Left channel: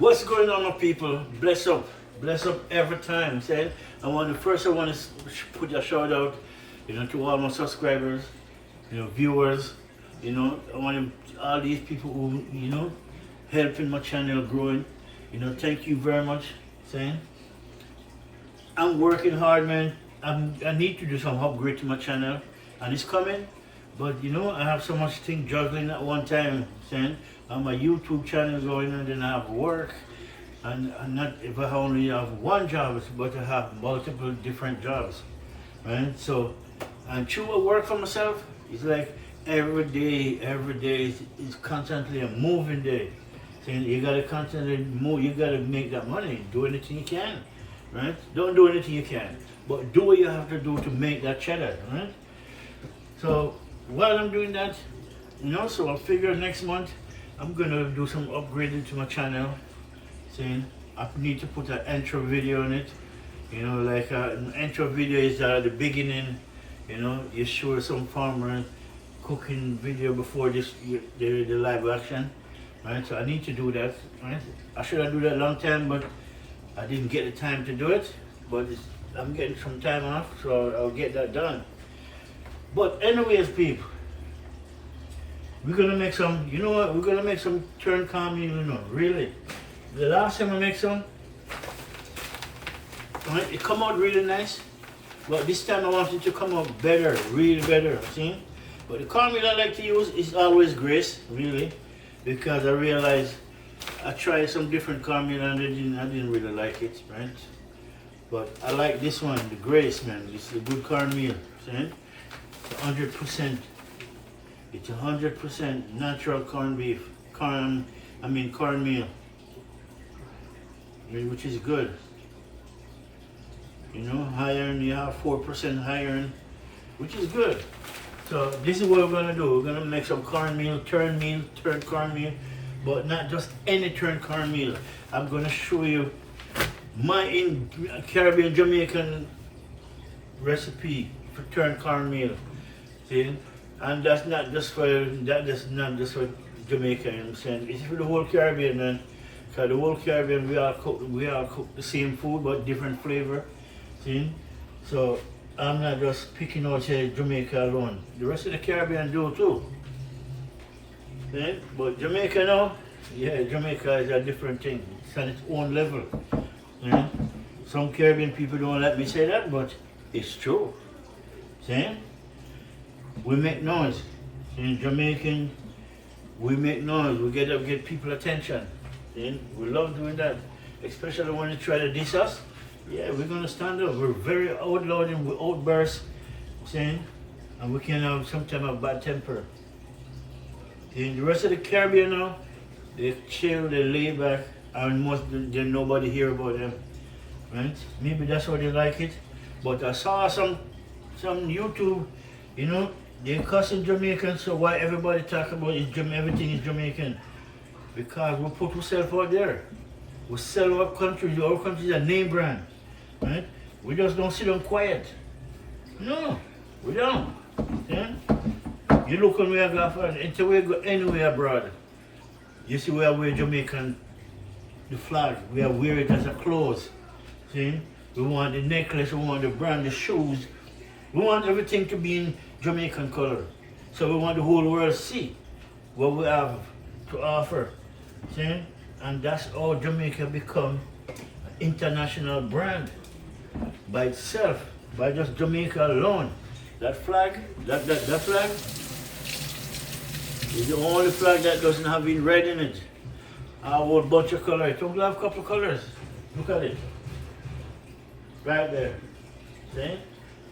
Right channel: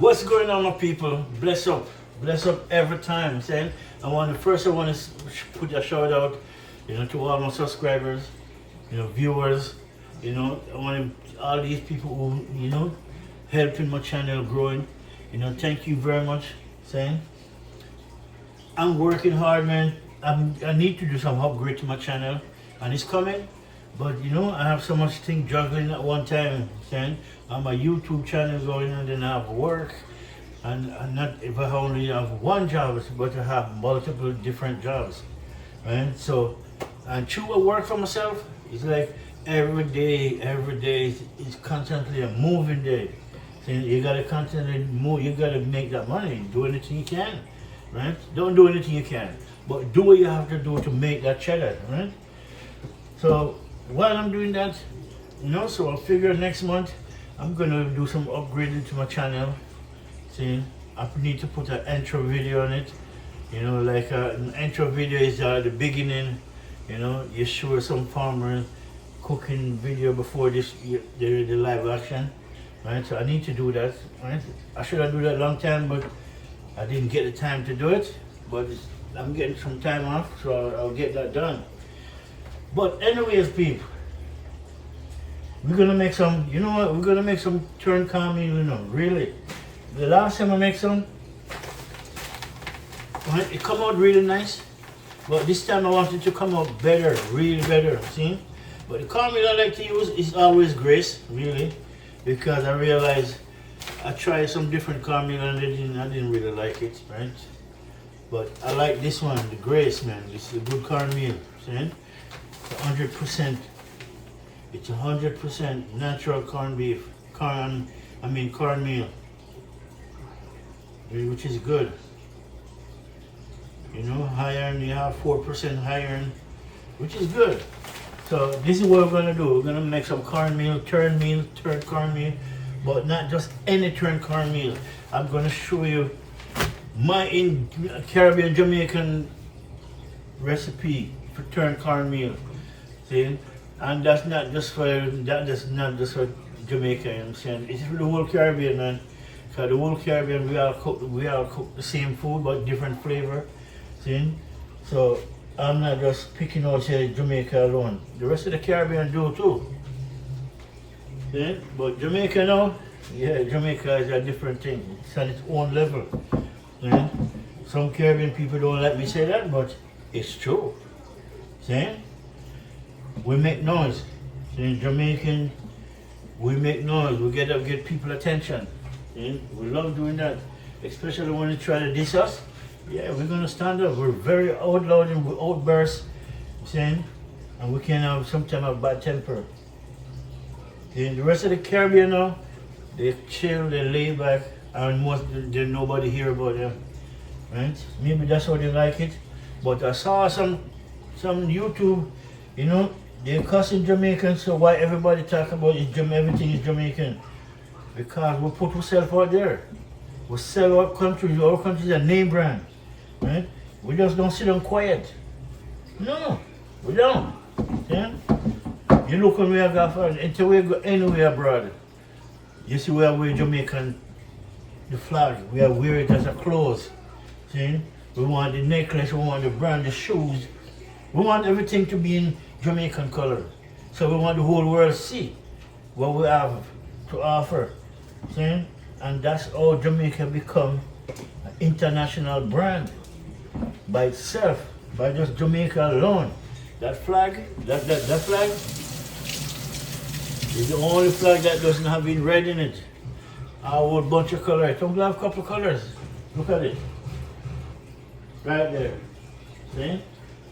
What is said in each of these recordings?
What's going on, my people? Bless up every time. I'm saying I want to put a shout out, to all my subscribers, viewers. I want all these people who helping my channel growing. Thank you very much. Saying I'm working hard, man. I need to do some upgrade to my channel, and it's coming. But I have so much thing juggling at one time. Saying on my YouTube channel going, and then I have work, and not if I only have one job, but I have multiple different jobs, right? So, and true, I work for myself. It's like every day is constantly a moving day. So you gotta constantly move. You gotta make that money. Do anything you can, right? Don't do anything you can, but do what you have to do to make that cheddar, right? So while I'm doing that, so I figure next month I'm gonna do some upgrading to my channel. See, I need to put an intro video on it. Like an intro video is the beginning. You show some farmer cooking video before the live action, right? So I need to do that, right? I should have do that a long time, but I didn't get the time to do it. But I'm getting some time off, so I'll get that done. But anyways, people, we're gonna make some. You know what? We're gonna make some turn cornmeal. Really. The last time I make some, right, it come out really nice. But this time I want it to come out better, really better. See? But the cornmeal I like to use is always Grace, really, because I realized I tried some different cornmeal and I didn't really like it, right? But I like this one, the Grace, man. This is a good cornmeal. See? 100%. It's 100% natural cornmeal, which is good. Iron, you have 4% iron, which is good. So this is what we're gonna do. We're gonna make some cornmeal, turn cornmeal, but not just any turn cornmeal. I'm gonna show you my Caribbean Jamaican recipe for turn cornmeal. See? And that's not just for Jamaica, I'm saying. It's for the whole Caribbean, man. Because the whole Caribbean, we all cook the same food, but different flavor. See? So I'm not just picking out, say, Jamaica alone. The rest of the Caribbean do too. See? But Jamaica now, Jamaica is a different thing. It's on its own level. See? Some Caribbean people don't let me say that, but it's true. See? We make noise. In Jamaican, we make noise. We get people attention. See? We love doing that. Especially when you try to diss us. Yeah, we're gonna stand up. We're very out loud and we outburst. See? And we can have sometimes a bad temper. See? The rest of the Caribbean now, they chill, they lay back, and there's nobody hear about them. Right? Maybe that's why they like it. But I saw some YouTube, they cussing Jamaican, so why everybody talk about everything is Jamaican? Because we put ourselves out there. We sell our country is a name brand. Right? We just don't sit down quiet. No, we don't. Yeah? You look when we go until we go anywhere abroad. You see we wear Jamaican, the flag, we wear it as a clothes. See? We want the necklace, we want the brand, the shoes. We want everything to be in Jamaican color. So we want the whole world to see what we have to offer. See? And that's how Jamaica become an international brand by itself, by just Jamaica alone. That flag, that flag is the only flag that doesn't have been red in it. A whole bunch of colors. Don't have a couple of colors. Look at it. Right there. See?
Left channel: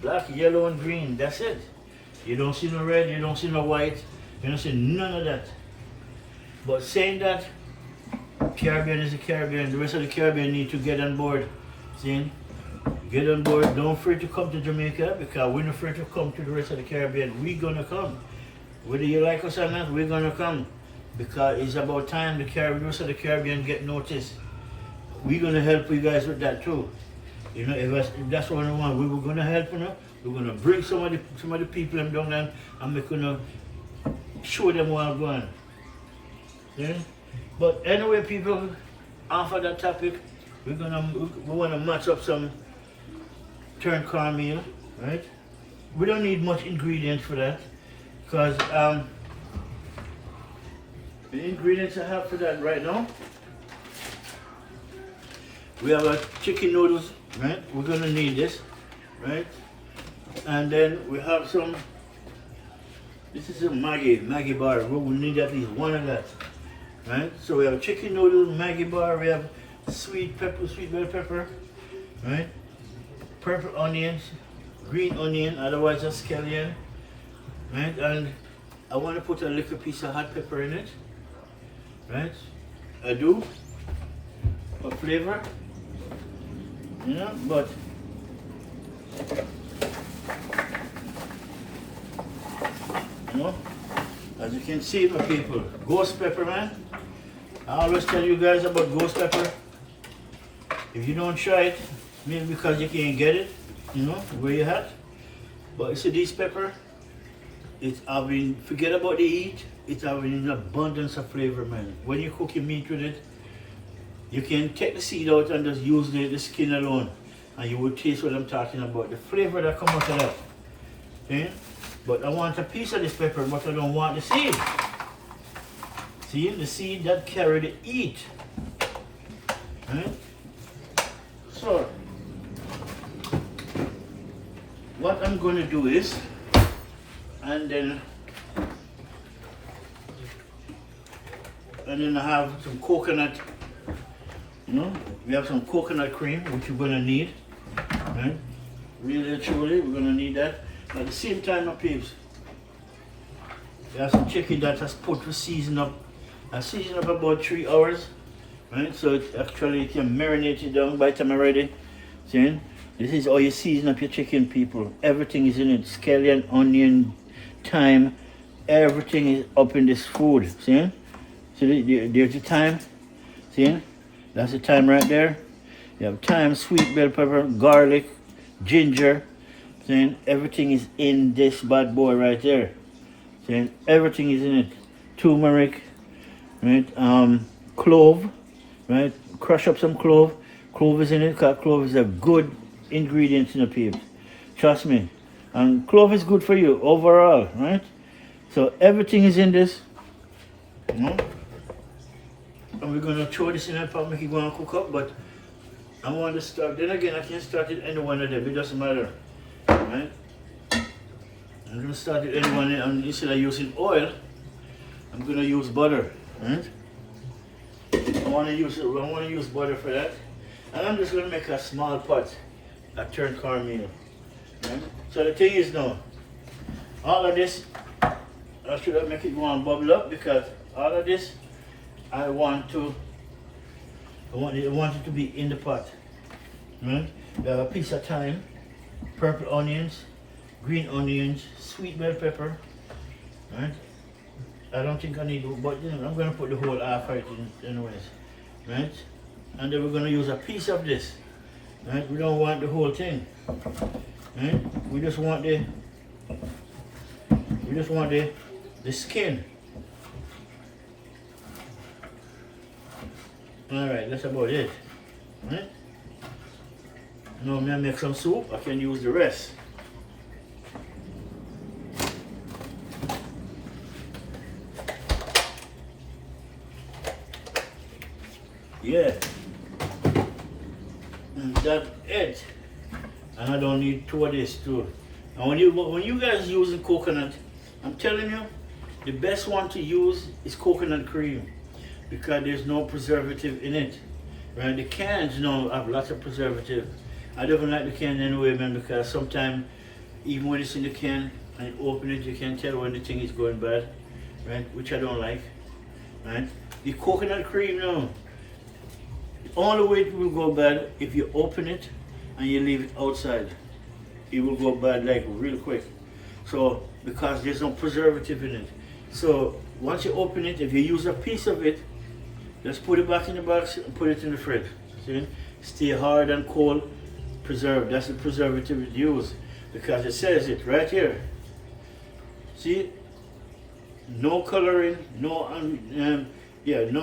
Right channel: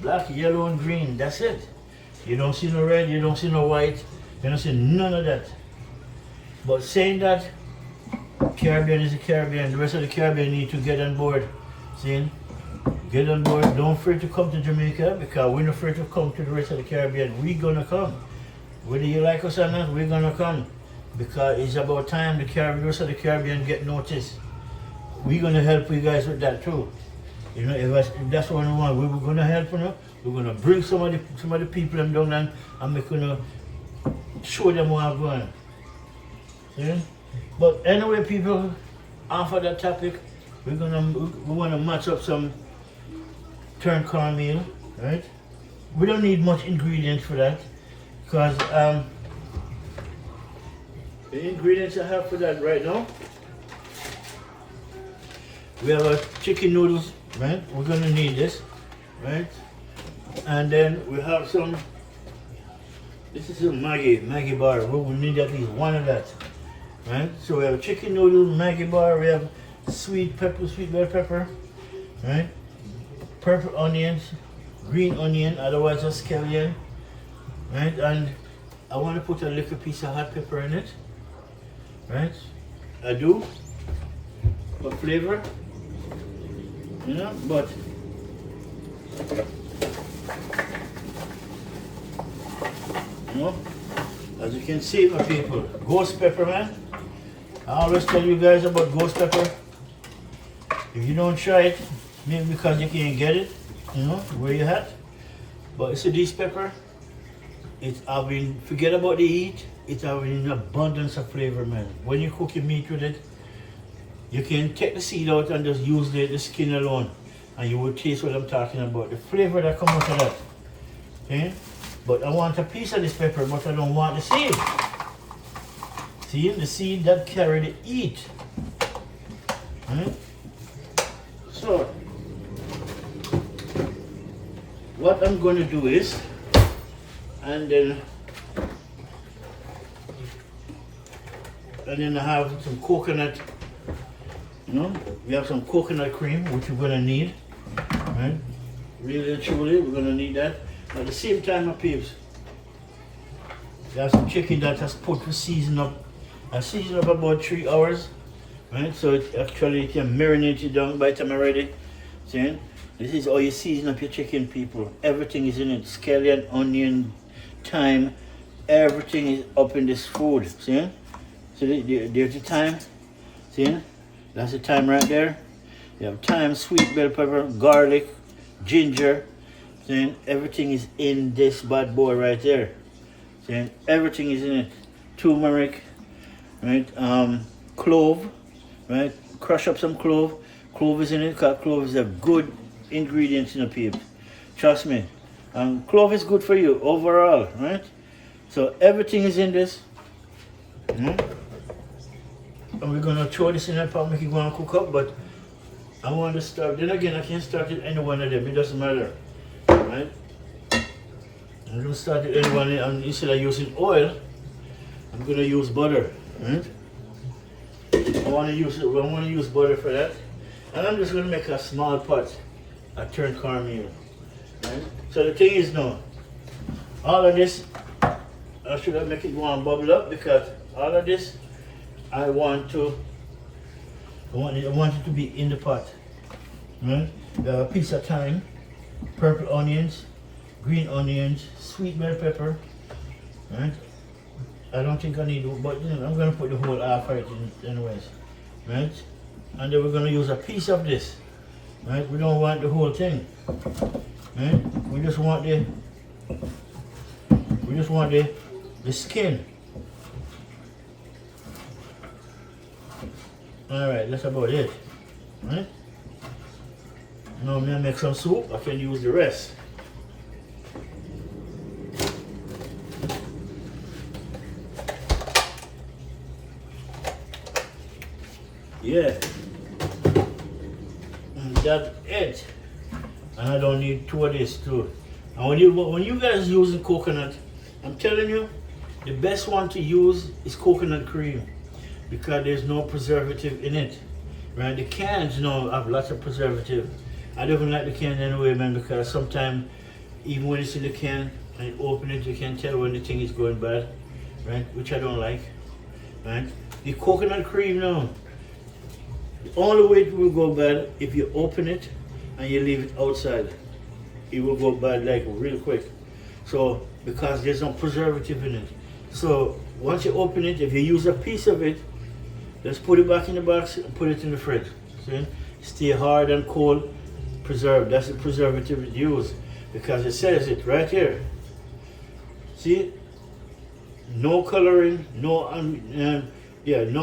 Black, yellow, and green. That's it. You don't see no red, you don't see no white, you don't see none of that. But saying that, Caribbean is the Caribbean. The rest of the Caribbean need to get on board. See? Get on board. Don't afraid to come to Jamaica, because we're not afraid to come to the rest of the Caribbean. We're gonna come. Whether you like us or not, we're gonna come. Because it's about time the rest of the Caribbean get noticed. We're gonna help you guys with that too. If that's what we want, we were gonna help you. We're gonna bring some of the people them down there, and we're gonna show them what I'm going. See? But anyway, people, after that topic, we want to match up some turned cornmeal, right? We don't need much ingredients for that, because the ingredients I have for that right now, we have a chicken noodles, right? We're gonna need this, right? And then we have some, this is a Maggie bar. We need at least one of that, right? So we have chicken noodles, Maggie bar, we have sweet bell pepper, right? Purple onions, green onion, otherwise a scallion, right? And I want to put a little piece of hot pepper in it, right? I do, for flavor, you know, but you know, as you can see, my people, ghost pepper, man. I always tell you guys about ghost pepper. If you don't try it, maybe because you can't get it, you know, where you at. But you see this pepper, it's having, forget about the heat, it's having an abundance of flavor, man. When you cook your meat with it, you can take the seed out and just use the skin alone, and you will taste what I'm talking about. The flavor that comes out of that. Okay? But I want a piece of this pepper, but I don't want the seed. See, the seed that carry the heat. Right? So, what I'm going to do is, and then I have some coconut, you know, we have some coconut cream, which we're going to need, right? Really and truly, we're going to need that. At the same time, my peeps, we have some chicken that has put to season up. I season up about 3 hours, right? So it actually can marinate it down by the time I'm ready. See? This is how you season up your chicken, people. Everything is in it. Scallion, onion, thyme, everything is up in this food. See? See, there's the thyme. See? That's the thyme right there. You have thyme, sweet bell pepper, garlic, ginger. See? Everything is in this bad boy right there. See? Everything is in it. Turmeric, right? Clove, right? Crush up some clove. Clove is in it because clove is a good ingredient in the peeps. Trust me. And clove is good for you overall, right? So everything is in this. Right? And we're gonna throw this in that pot, make it gonna cook up, but I want to start. Then again, I can start it any one of them. It doesn't matter, right? I'm gonna start it any one, and instead of using oil, I'm gonna use butter, right? I want to use butter for that, and I'm just gonna make a small pot, a turned cornmeal, right? So the thing is now, all of this, I should have make it one bubble up because all of this, I want it to be in the pot, right? A piece of thyme, purple onions, green onions, sweet bell pepper, right? I don't think I need to, but you know, I'm going to put the whole half right in anyways, right? And then we're going to use a piece of this, right? We don't want the whole thing, right? We just want the skin. Alright, that's about it, right? Now I'm going to make some soup, I can use the rest. Yeah, and that's it. And I don't need 2 of this too. And when you guys use the coconut, I'm telling you, the best one to use is coconut cream because there's no preservative in it. Right? The cans, you know, have lots of preservative. I don't like the can anyway, man, because sometimes even when it's in the can and you open it, you can tell when the thing is going bad, right? Which I don't like, right? The coconut cream now. The only way it will go bad if you open it and you leave it outside. It will go bad like real quick. So because there's no preservative in it. So once you open it, if you use a piece of it, just put it back in the box and put it in the fridge. See? Stay hard and cold, preserved. That's the preservative it used because it says it right here. See? No coloring, no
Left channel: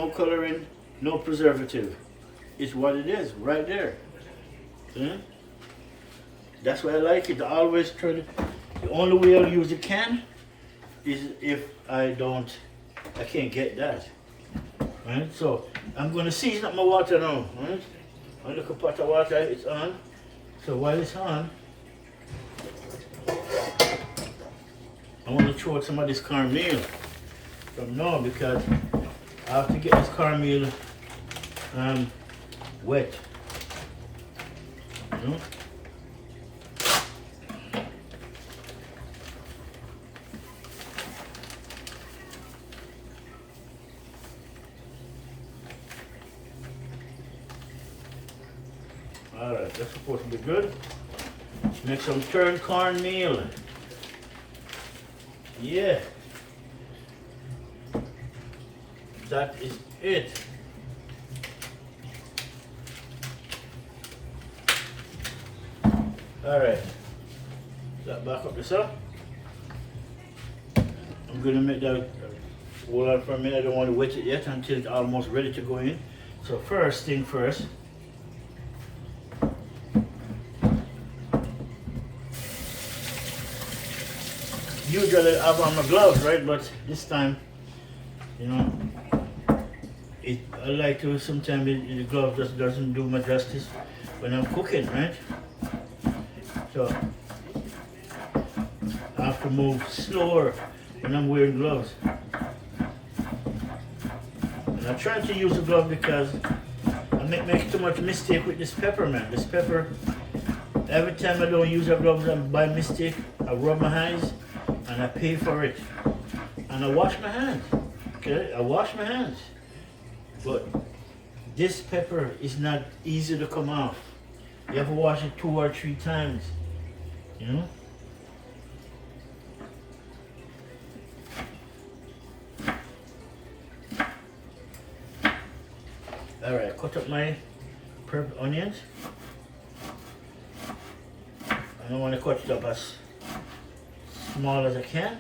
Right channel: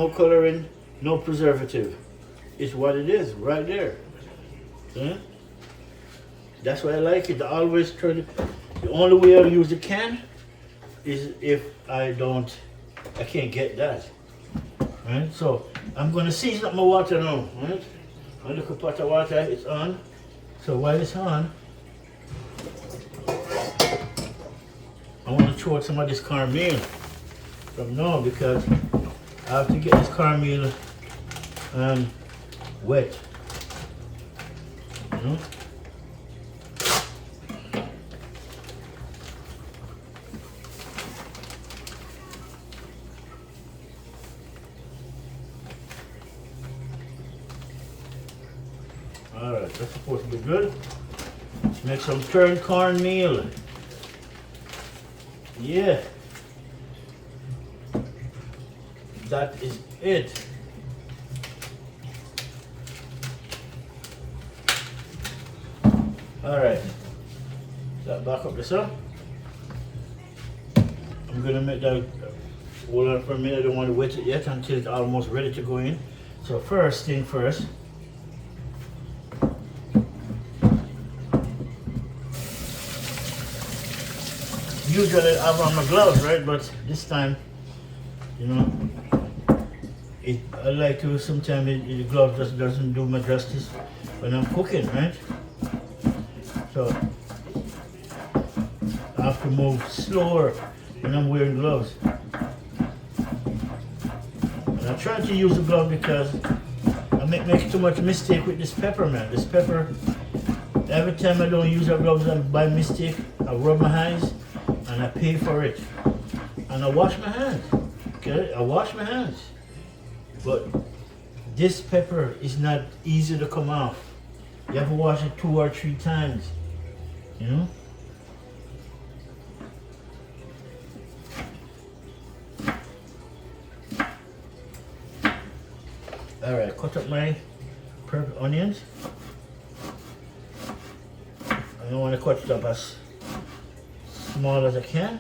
coloring, no preservative. is what it is, right there. Yeah? That's why I like it. I always turn. The only way I'll use the can is if I can't get that. Right? So I'm gonna season up my water now. Right? A little pot of water, it's on. So while it's on, I want to throw out some of this cornmeal from now because I have to get this cornmeal wet. You know? Alright, that's supposed to be good. Let's make some turned cornmeal. Yeah. That is it. Alright. That back up this up. I'm gonna make that hold on for a minute. I don't want to wet it yet until it's almost ready to go in. So first thing first. Usually I have on my gloves, right? But this time, you know, I like to sometimes the glove just doesn't do me justice when I'm cooking, right? So I have to move slower when I'm wearing gloves. And I try to use a glove because I make too much mistake with this pepper, man. This pepper, every time I don't use a glove by mistake, I rub my hands and I pay for it. And I wash my hands. Okay, I wash my hands. But this pepper is not easy to come off. You have to wash it 2 or 3 times. You know? Alright, cut up my purple onions. I don't want to cut it up as small as I can.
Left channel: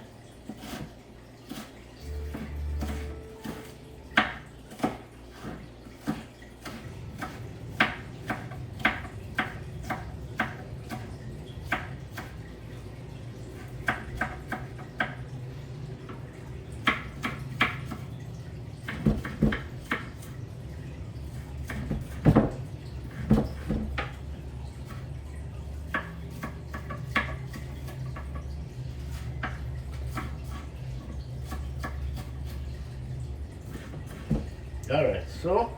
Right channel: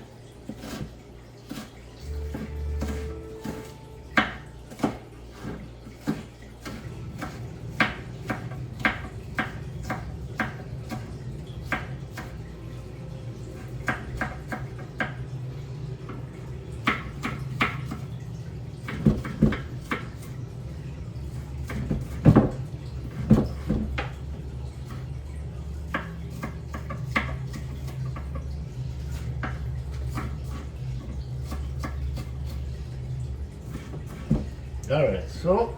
Alright, so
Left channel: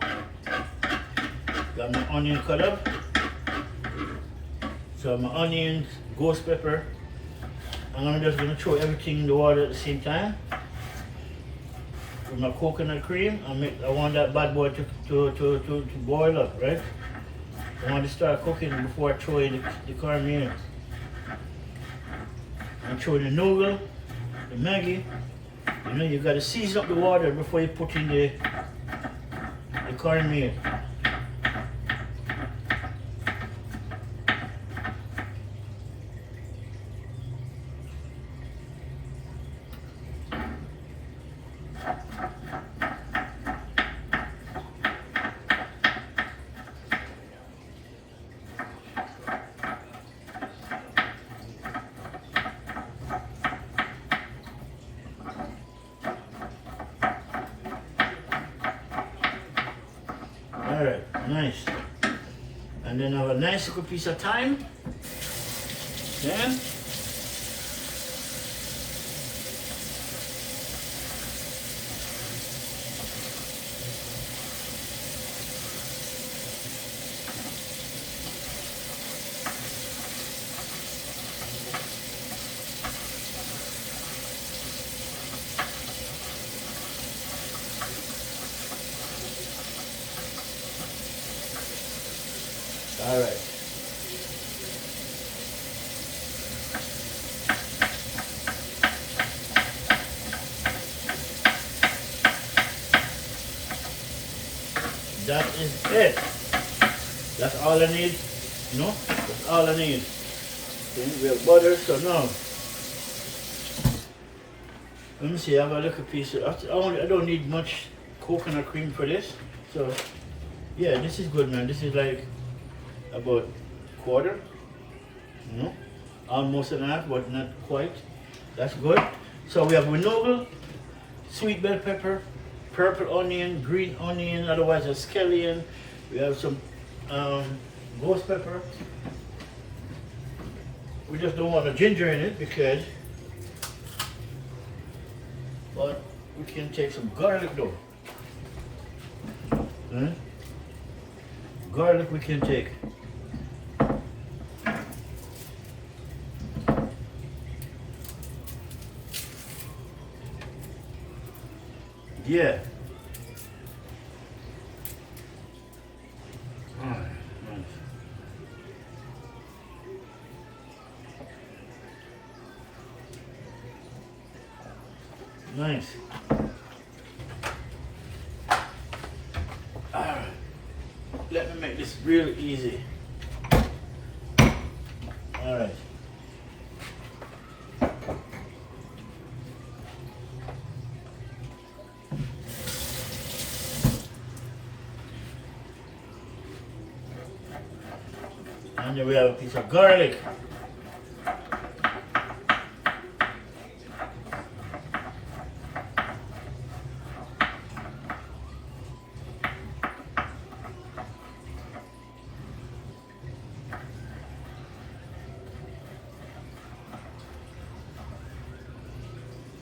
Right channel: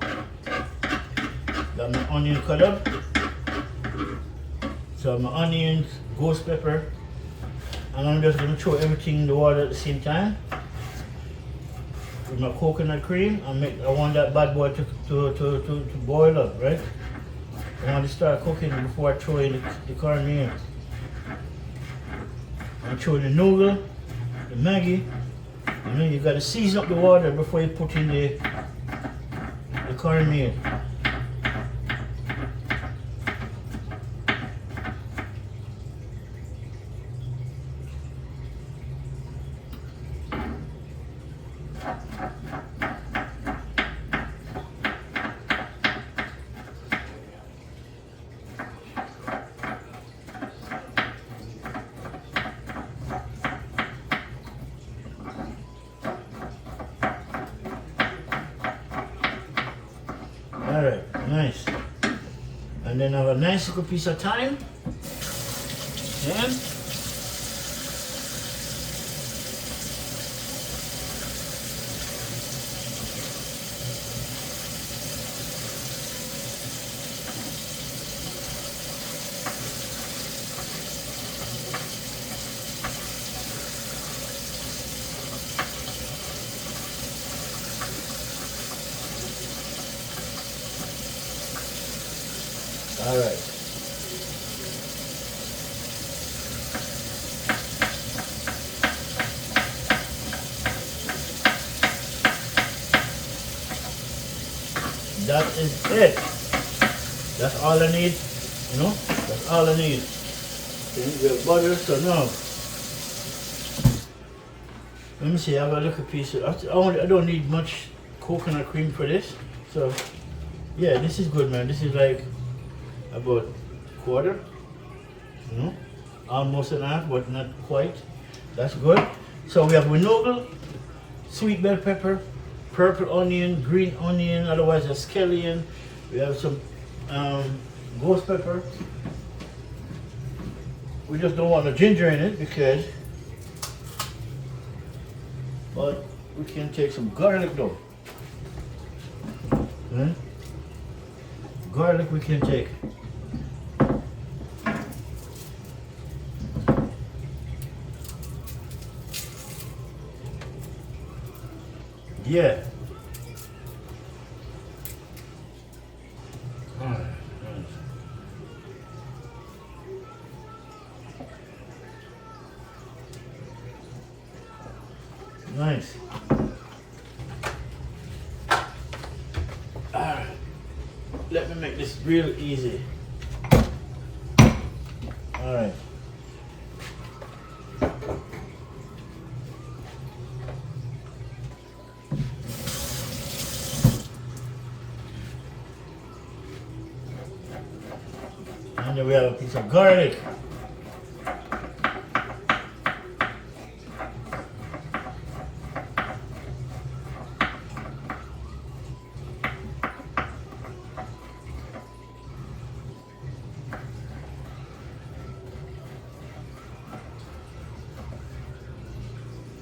got my onion cut up. So my onions, ghost pepper, and I'm just gonna throw everything in the water at the same time. With my coconut cream, I want that bad boy to boil up, right? I want to start cooking before I throw in the cornmeal. I throw the noodle, the Maggi. You know, you gotta season up the water before you put in the cornmeal. Alright, nice. And then I have a nice little piece of thyme. And all right. That is it. That's all I need. You know, that's all I need. Okay, we have butter, so now let me see. I have a little piece of. I don't need much coconut cream for this, so Yeah, this is good, man. This is like about quarter, you know, almost an half, but not quite. That's good. So we have winoggle, sweet bell pepper, purple onion, green onion, otherwise a scallion. We have some ghost pepper. We just don't want the ginger in it because, but we can take some garlic though. Hmm? Garlic we can take. Yeah. Nice. Alright. Let me make this real easy. Alright. And then we have a piece of garlic.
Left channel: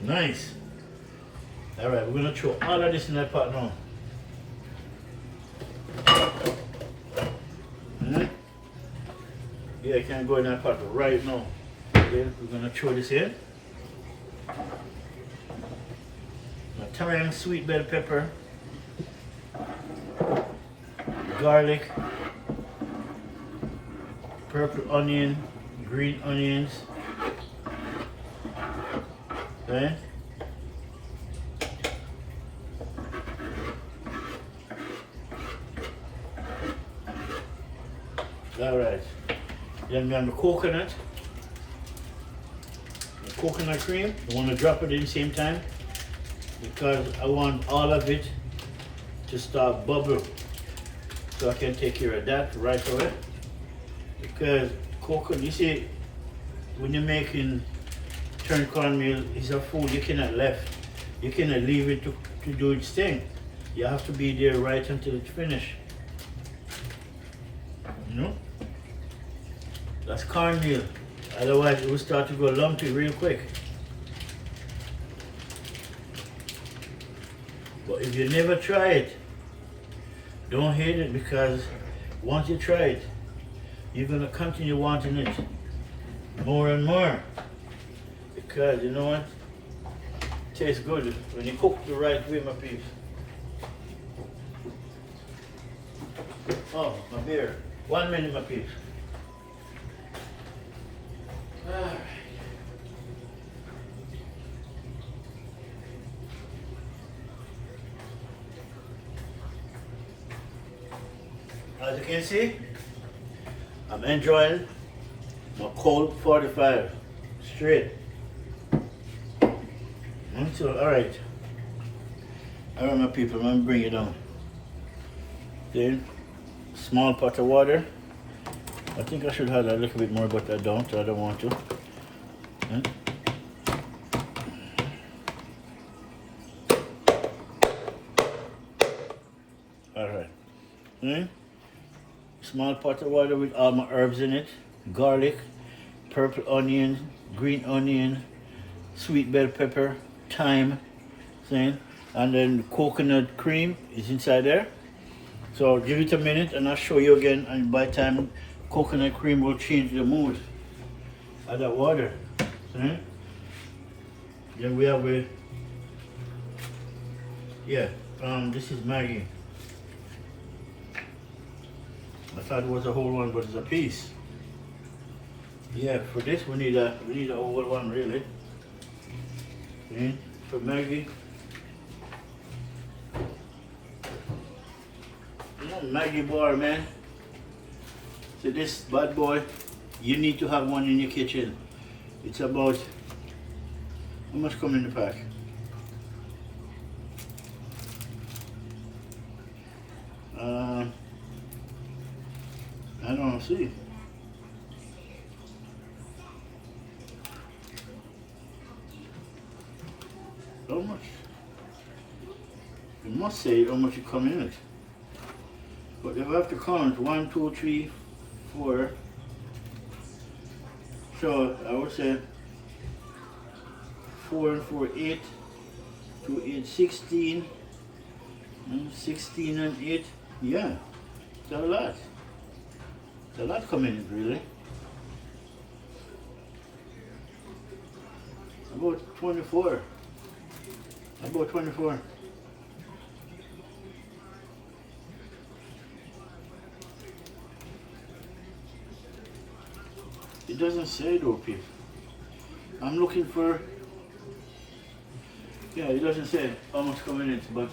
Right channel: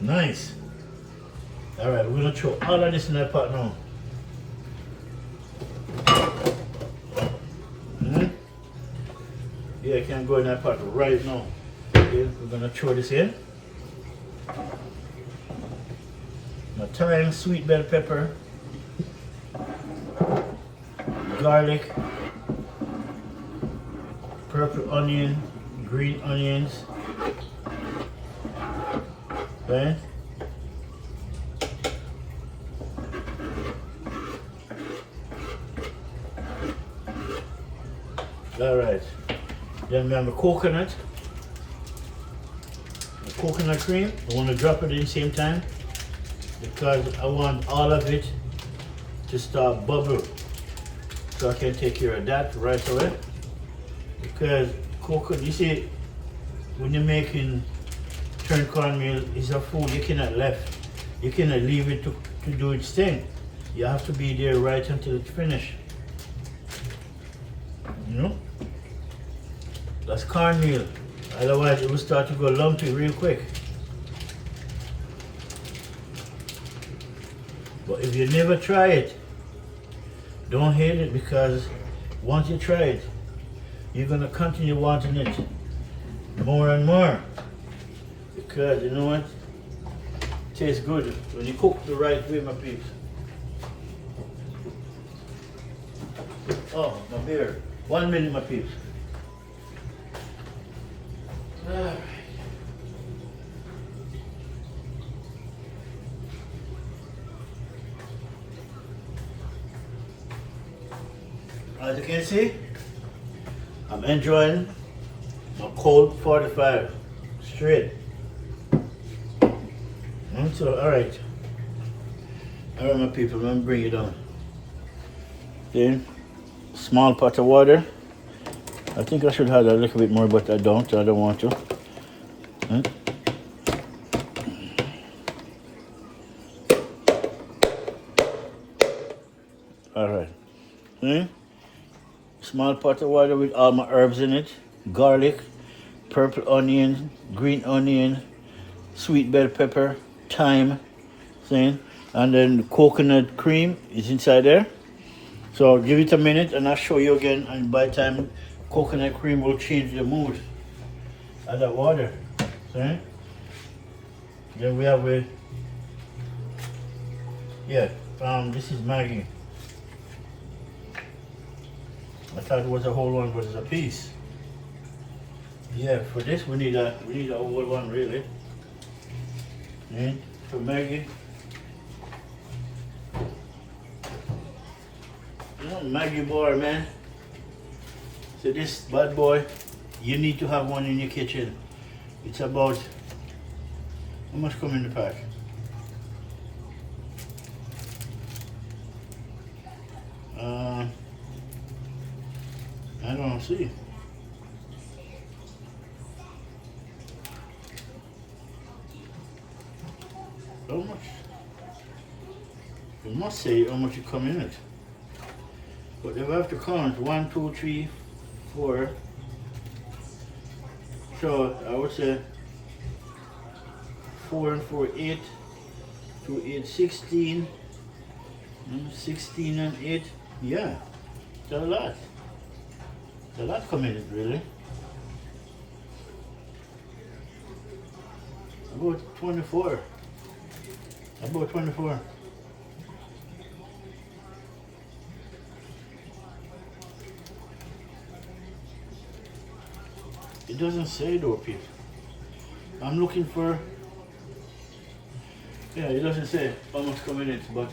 Nice. Alright, we're gonna throw all of this in that pot now. Yeah, I can go in that pot right now. Okay, we're gonna throw this in. Now thyme, sweet bell pepper, garlic, purple onion, green onions. Okay. Alright. Then we have the coconut cream. I want to drop it in the same time because I want all of it to start bubble. So I can take care of that right away. Because coconut, you see, when you're making turned cornmeal, it's a food you cannot leave it to do its thing. You have to be there right until it's finished. You know? That's cornmeal. Otherwise it will start to go lumpy real quick. But if you never try it, don't hate it, because once you try it, you're gonna continue wanting it more and more. Because you know what? It tastes good when you cook the right way, my peeps. Oh, my beer. 1 minute, my peeps. Alright. As you can see, I'm enjoying my cold 45 straight. So, alright, my people, let me bring it down. Okay, small pot of water. I think I should have a little bit more, but I don't want to. Alright. Small pot of water with all my herbs in it. Garlic, purple onion, green onion, sweet bell pepper, thyme, and then the coconut cream is inside there. So give it a minute and I'll show you again, and by the time coconut cream will change the mood of the water. See? Then we have this is Maggie. I thought it was a whole one, but it's a piece. Yeah, for this we need a whole one really. See? For Maggie. You know, Maggie bar, man. So this bad boy, you need to have one in your kitchen. It's about, how much come in the pack? don't see. How much? You must say how much you come in it. But if I have to count 1, 2, 3, 4. So I would say 4 and 4, 8. 2, 8, 16. And 16 and 8. Yeah. It's a lot. It's a lot coming in, really. About 24. About 24. It doesn't say though, people. I'm looking for. Yeah, it doesn't say how much coming in, but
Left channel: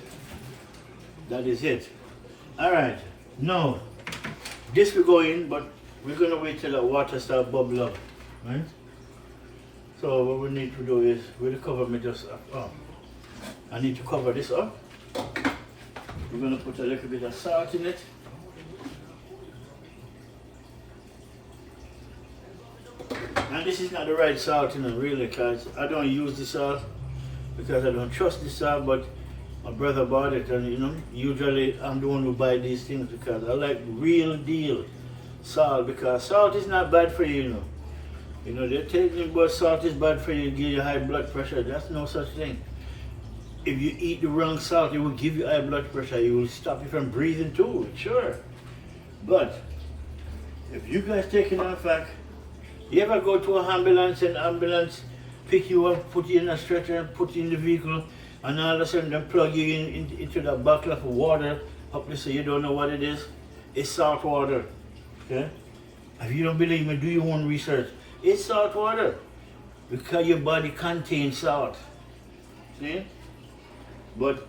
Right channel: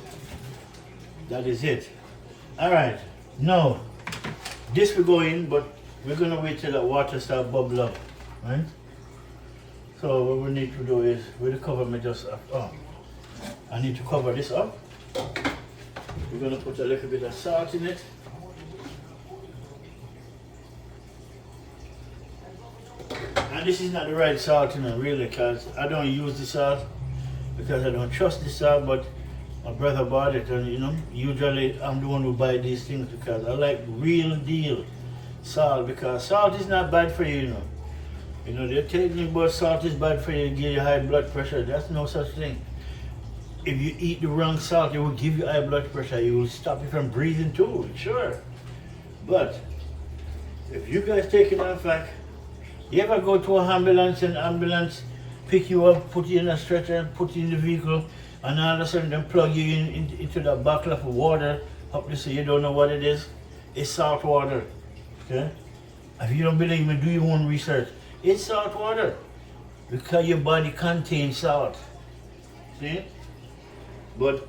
that is it. Alright, now this will go in, but we're gonna wait till the water starts bubble up, right? So what we need to do is we'll cover me just up. I need to cover this up. We're gonna put a little bit of salt in it. And this is not the right salt, you know, really, because I don't use the salt because I don't trust the salt, but my brother bought it, and you know, usually I'm the one who buy these things because I like real deal salt, because salt is not bad for you, you know. You know, they're telling you about salt is bad for you, give you high blood pressure. That's no such thing. If you eat the wrong salt, it will give you high blood pressure. It will stop you from breathing too, sure. But if you guys take enough fact, you ever go to an ambulance and ambulance pick you up, put you in a stretcher, put you in the vehicle, and all of a sudden they plug you into that bottle of water, up to say you don't know what it is? It's salt water. Okay? If you don't believe me, do your own research. It's salt water because your body contains salt. See? But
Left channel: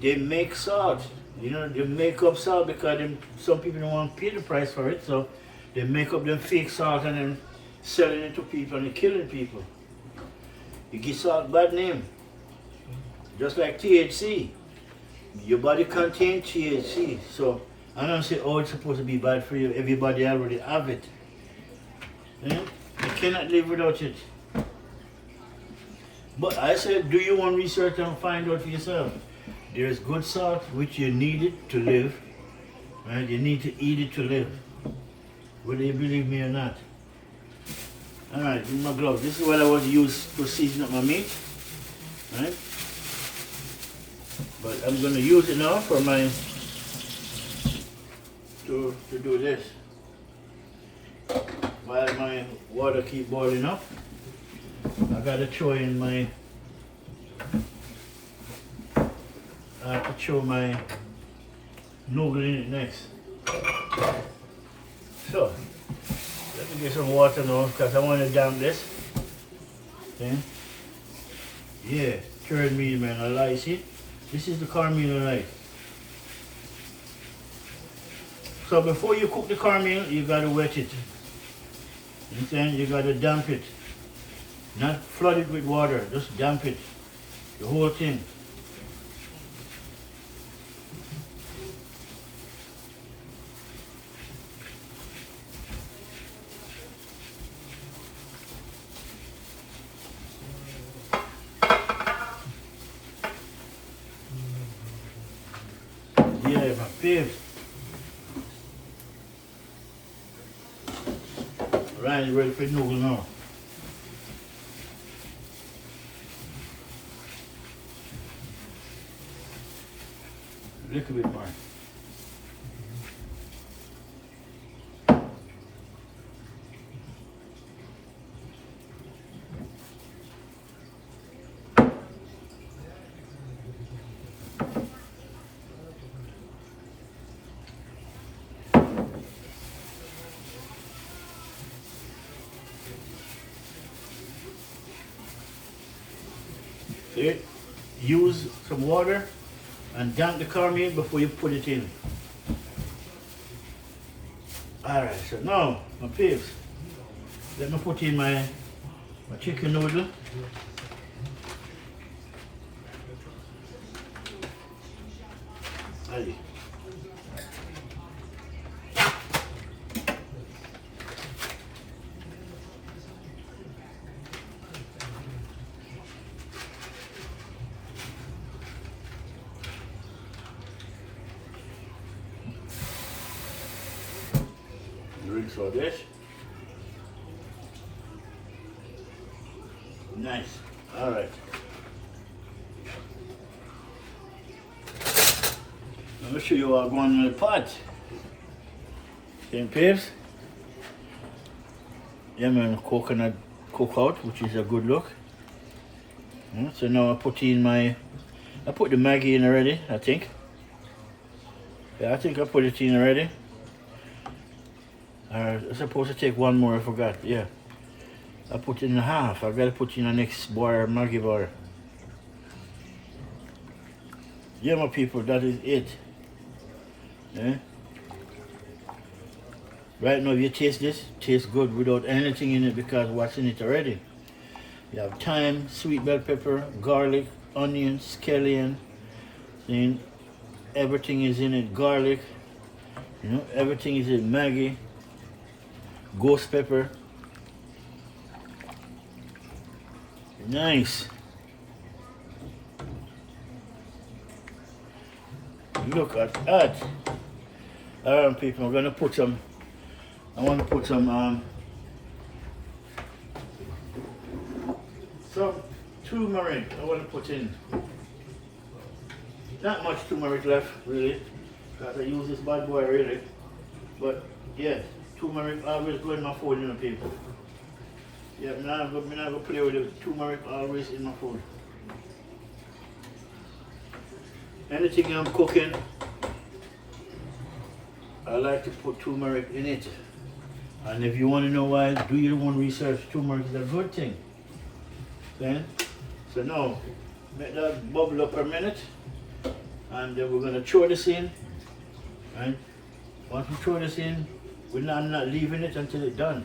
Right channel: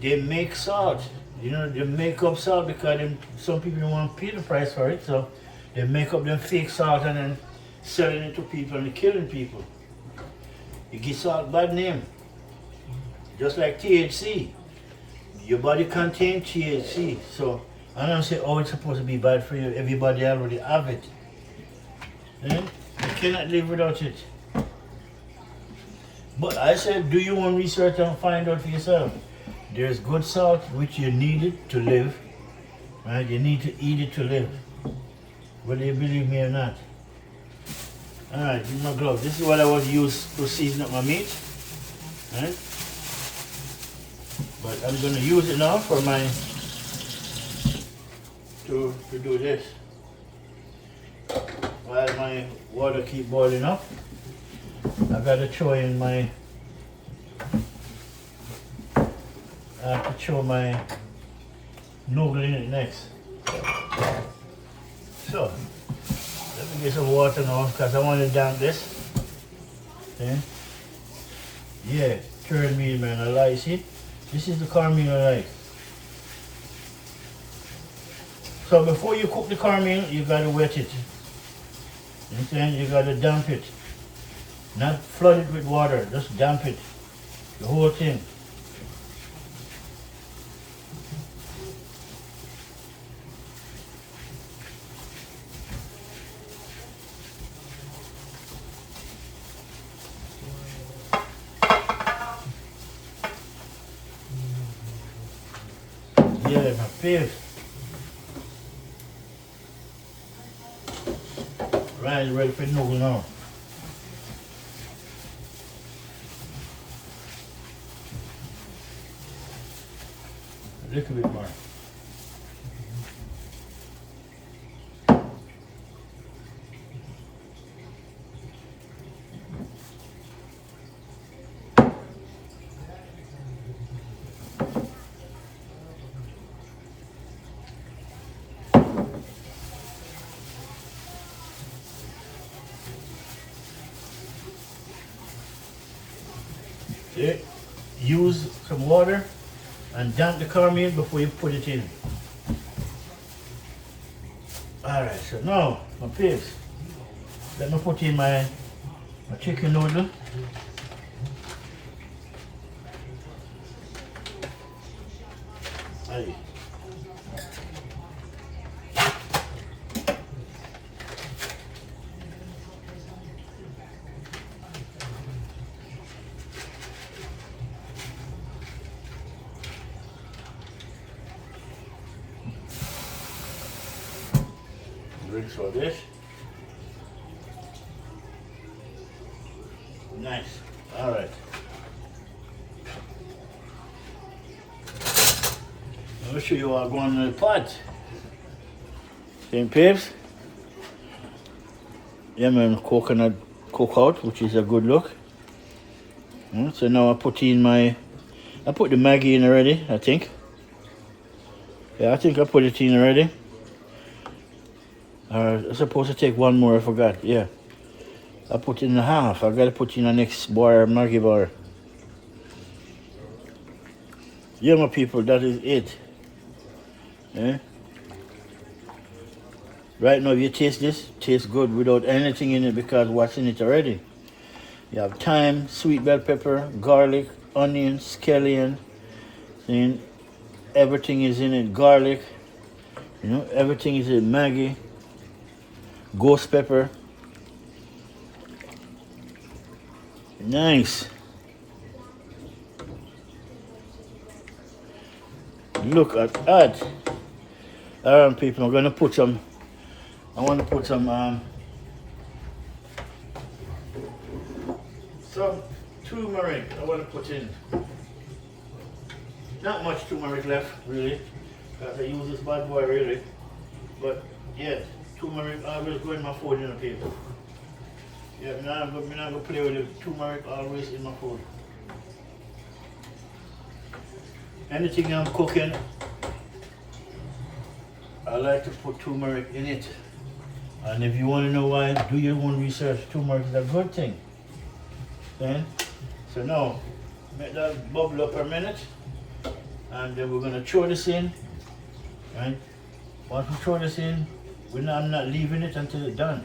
they make salt. You know, they make up salt because some people don't want to pay the price for it, so they make up them fake salt and then selling it to people and killing people. You give salt bad name. Just like THC. Your body contains THC. So I don't say, oh, it's supposed to be bad for you. Everybody already have it. You cannot live without it. But I said, do your own research and find out for yourself. There's good salt which you need it to live. Right? You need to eat it to live. Whether you believe me or not. Alright, give me my glove. This is what I was used to season up my meat. Right? But I'm gonna use it now for my to do this. While my water keep boiling up, I gotta throw in my I have to throw my noodle in it next. So let me get some water now because I want to damp this. Okay. Yeah, cornmeal, man. I like it. This is the cornmeal I like. So before you cook the cornmeal, you gotta wet it. And then you gotta damp it. Not flood it with water, just damp it. The whole thing. Yeah, my babe. Right, ready for the noodle now. A little bit more. See? Use some water and damp the cornmeal before you put it in. Alright, so now, my peeps, let me put in my chicken noodle. Aye. rinse for this. Nice. All right. Let me show you all going in the pot. Same peeps. Yeah man, coconut cookout, which is a good look. So now I put the Maggi in already, I think. Yeah, I think I put it in already. I'm supposed to take one more, I forgot, yeah. I put in half, I gotta put in the next bar, Maggi bar. Yeah my people, that is it. Yeah. Right now, if you taste this, it tastes good without anything in it because what's in it already. You have thyme, sweet bell pepper, garlic, onion, scallion. And everything is in it. Garlic, you know, everything is in Maggi, ghost pepper. Nice. Look at that. Alright, people, I'm gonna put some. I want to put some turmeric. I want to put in not much turmeric left, really, because I use this bad boy really. But yeah, turmeric always go in my food, you know, people. Yeah, I'm not gonna play with it. Turmeric always in my food. Anything I'm cooking, I like to put turmeric in it. And if you want to know why, do your own research. Turmeric is a good thing. Okay? So now, make that bubble up a minute. And then we're going to throw this in. Right? Once we throw this in, I'm not leaving it until it's done.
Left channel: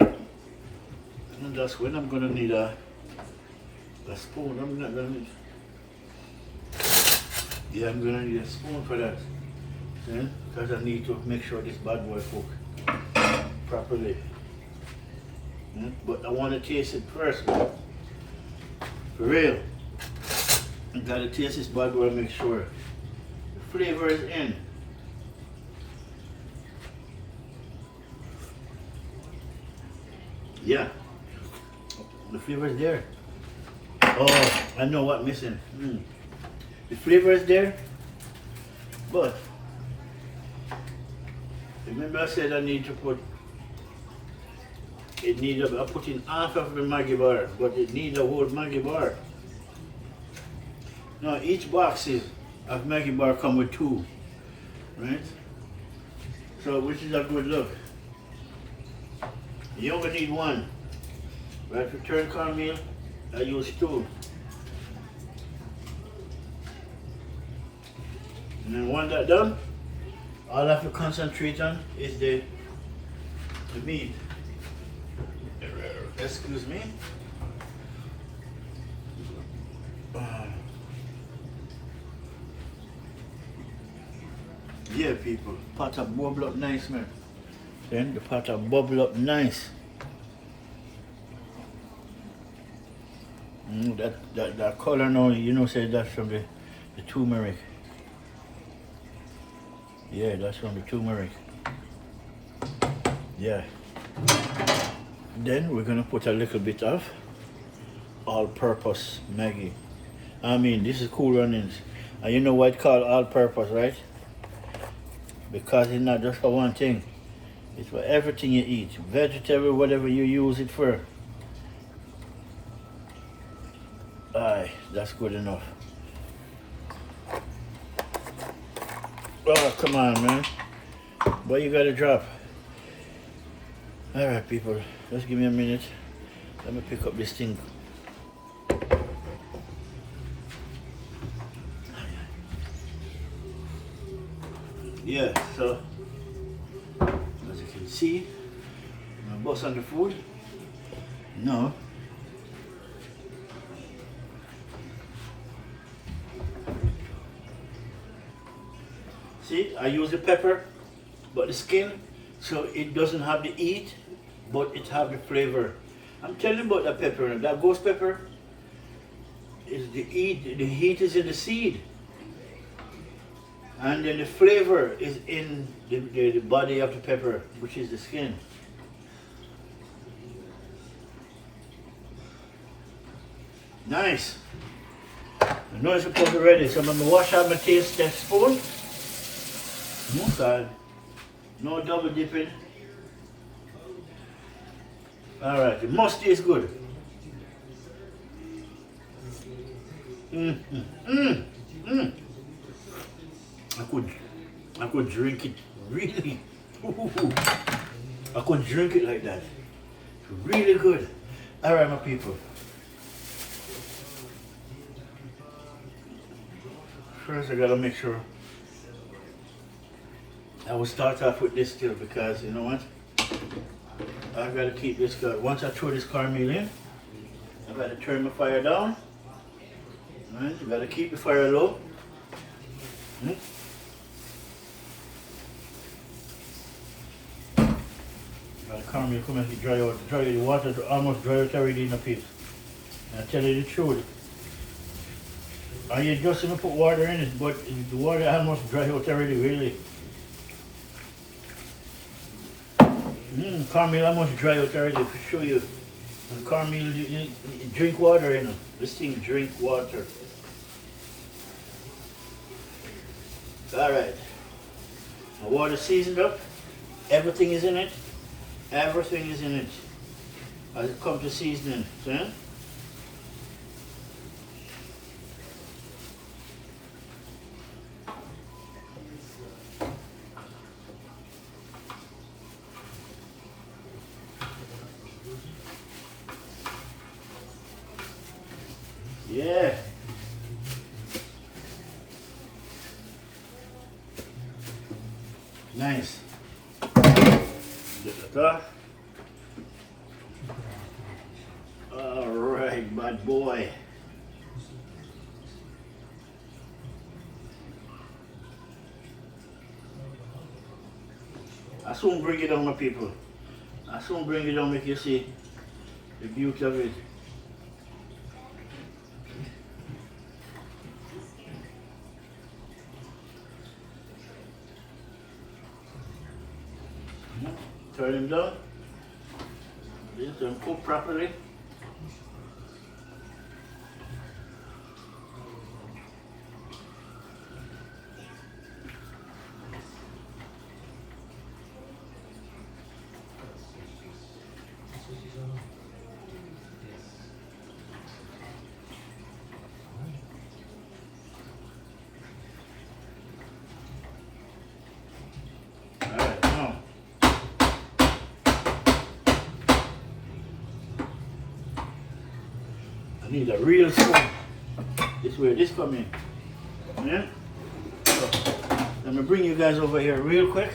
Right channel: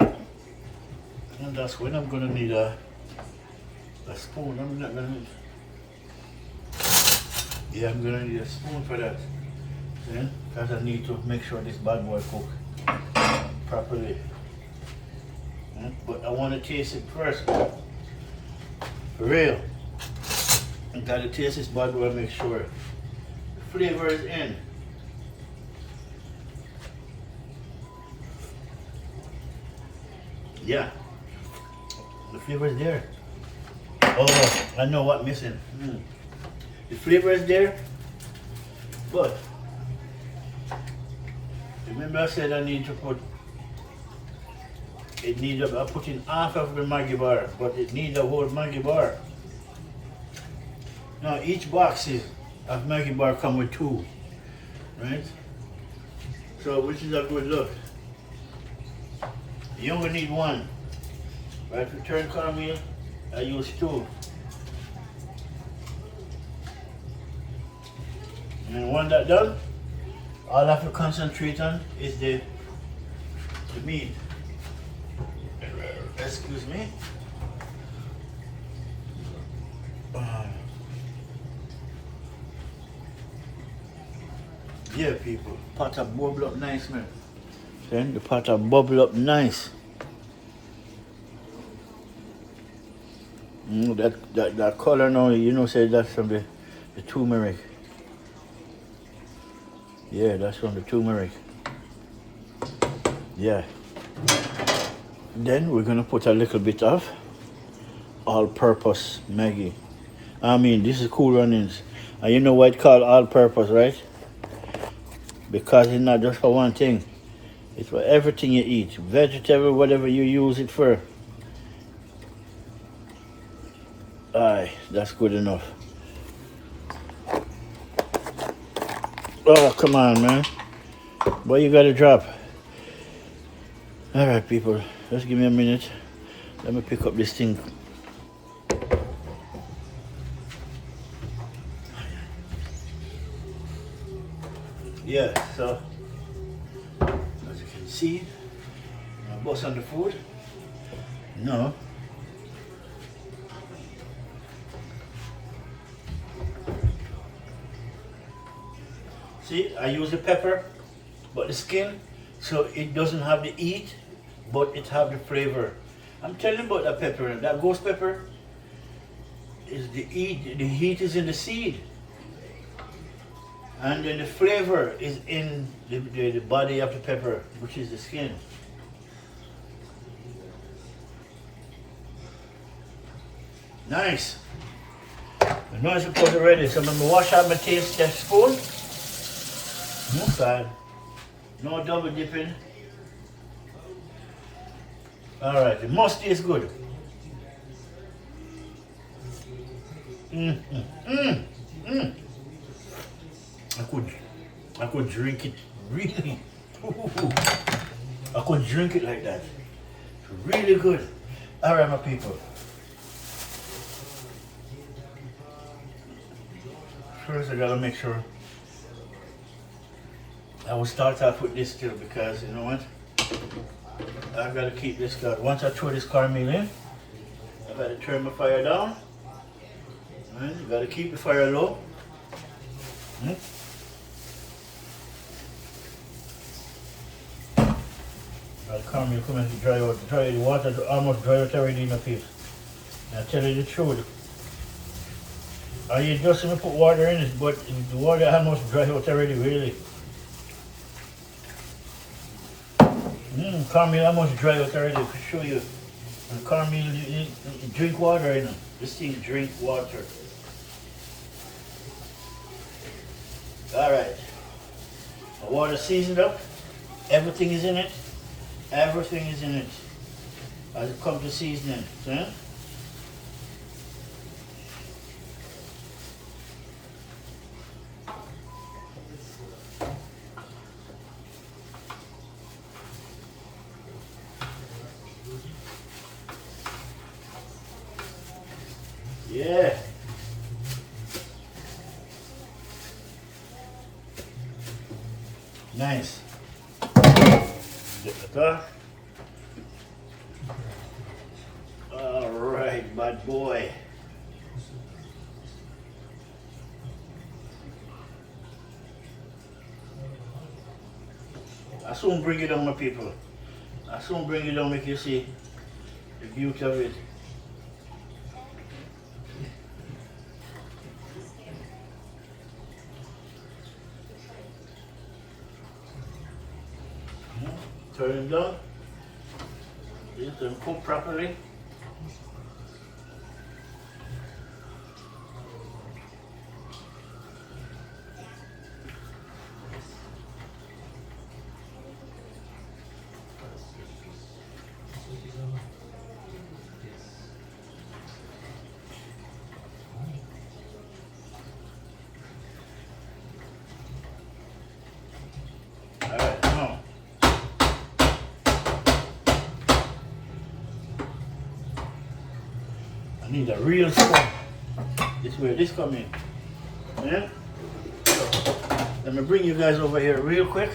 And that's when I'm going to need a spoon. I'm not going to need... Yeah, I'm going to need a spoon for that. Because I need to make sure this bad boy cook properly. But I want to taste it first. For real. I gotta taste this bad boy and make sure the flavor is in. Yeah. The flavor is there. Oh, I know what's missing. The flavor is there, but remember I said I need to put, I put in half of the Maggi bar, but it needs a whole Maggi bar. Now each box of Maggi bar come with 2, right? So which is a good look. You only need 1. Right, for turn cornmeal, I use 2. And when that's done, all I have to concentrate on is the meat. Excuse me. Yeah, people. Pot of bubble up nice, man. Then the pot of bubble up nice. That color now, you know, say that's from the turmeric. Yeah, that's from the turmeric. Yeah. Then we're gonna put a little bit of all-purpose Maggi. I mean, this is Cool Runnings. And you know why it's called all-purpose, right? Because it's not just for one thing. It's for everything you eat. Vegetable, whatever you use it for. Aye, that's good enough. Oh, come on, man. Boy, you gotta drop. All right, people. Just give me a minute. Let me pick up this thing. Yeah, so as you can see, I bust on the food. No. See, I use the pepper, but the skin, so it doesn't have the heat, but it have the flavor. I'm telling you about that pepper. That ghost pepper is the heat. The heat is in the seed, And then the flavor is in the body of the pepper, which is the skin. Nice. I know it's supposed to be ready, so I'm going to wash out my taste test spoon. No double dipping. Alright, the mustard is good. I could drink it really. I could drink it like that. Really good. Alright, my people. First I gotta make sure I will start off with this still, because you know what? I've got to keep this going. Once I throw this cornmeal in, I've got to turn my fire down. Right? You got to keep the fire low. The cornmeal coming to dry out. The water almost dry out already in the people. I tell you the truth. I just gonna put water in it, but the water almost dry out already, really. Cornmeal almost dry out already, to show you. When cornmeal, you drink water in them. This thing drink water. Alright. The water seasoned up. Everything is in it. Everything is in it. As it comes to seasoning. See? Yeah. Nice. Get that off. All right, bad boy. I soon bring it down, my people. I soon bring it down, make you see the beauty of it. Turn it down. Just don't cook properly. Need a real spoon. This way this come in. Yeah? So, let me bring you guys over here real quick,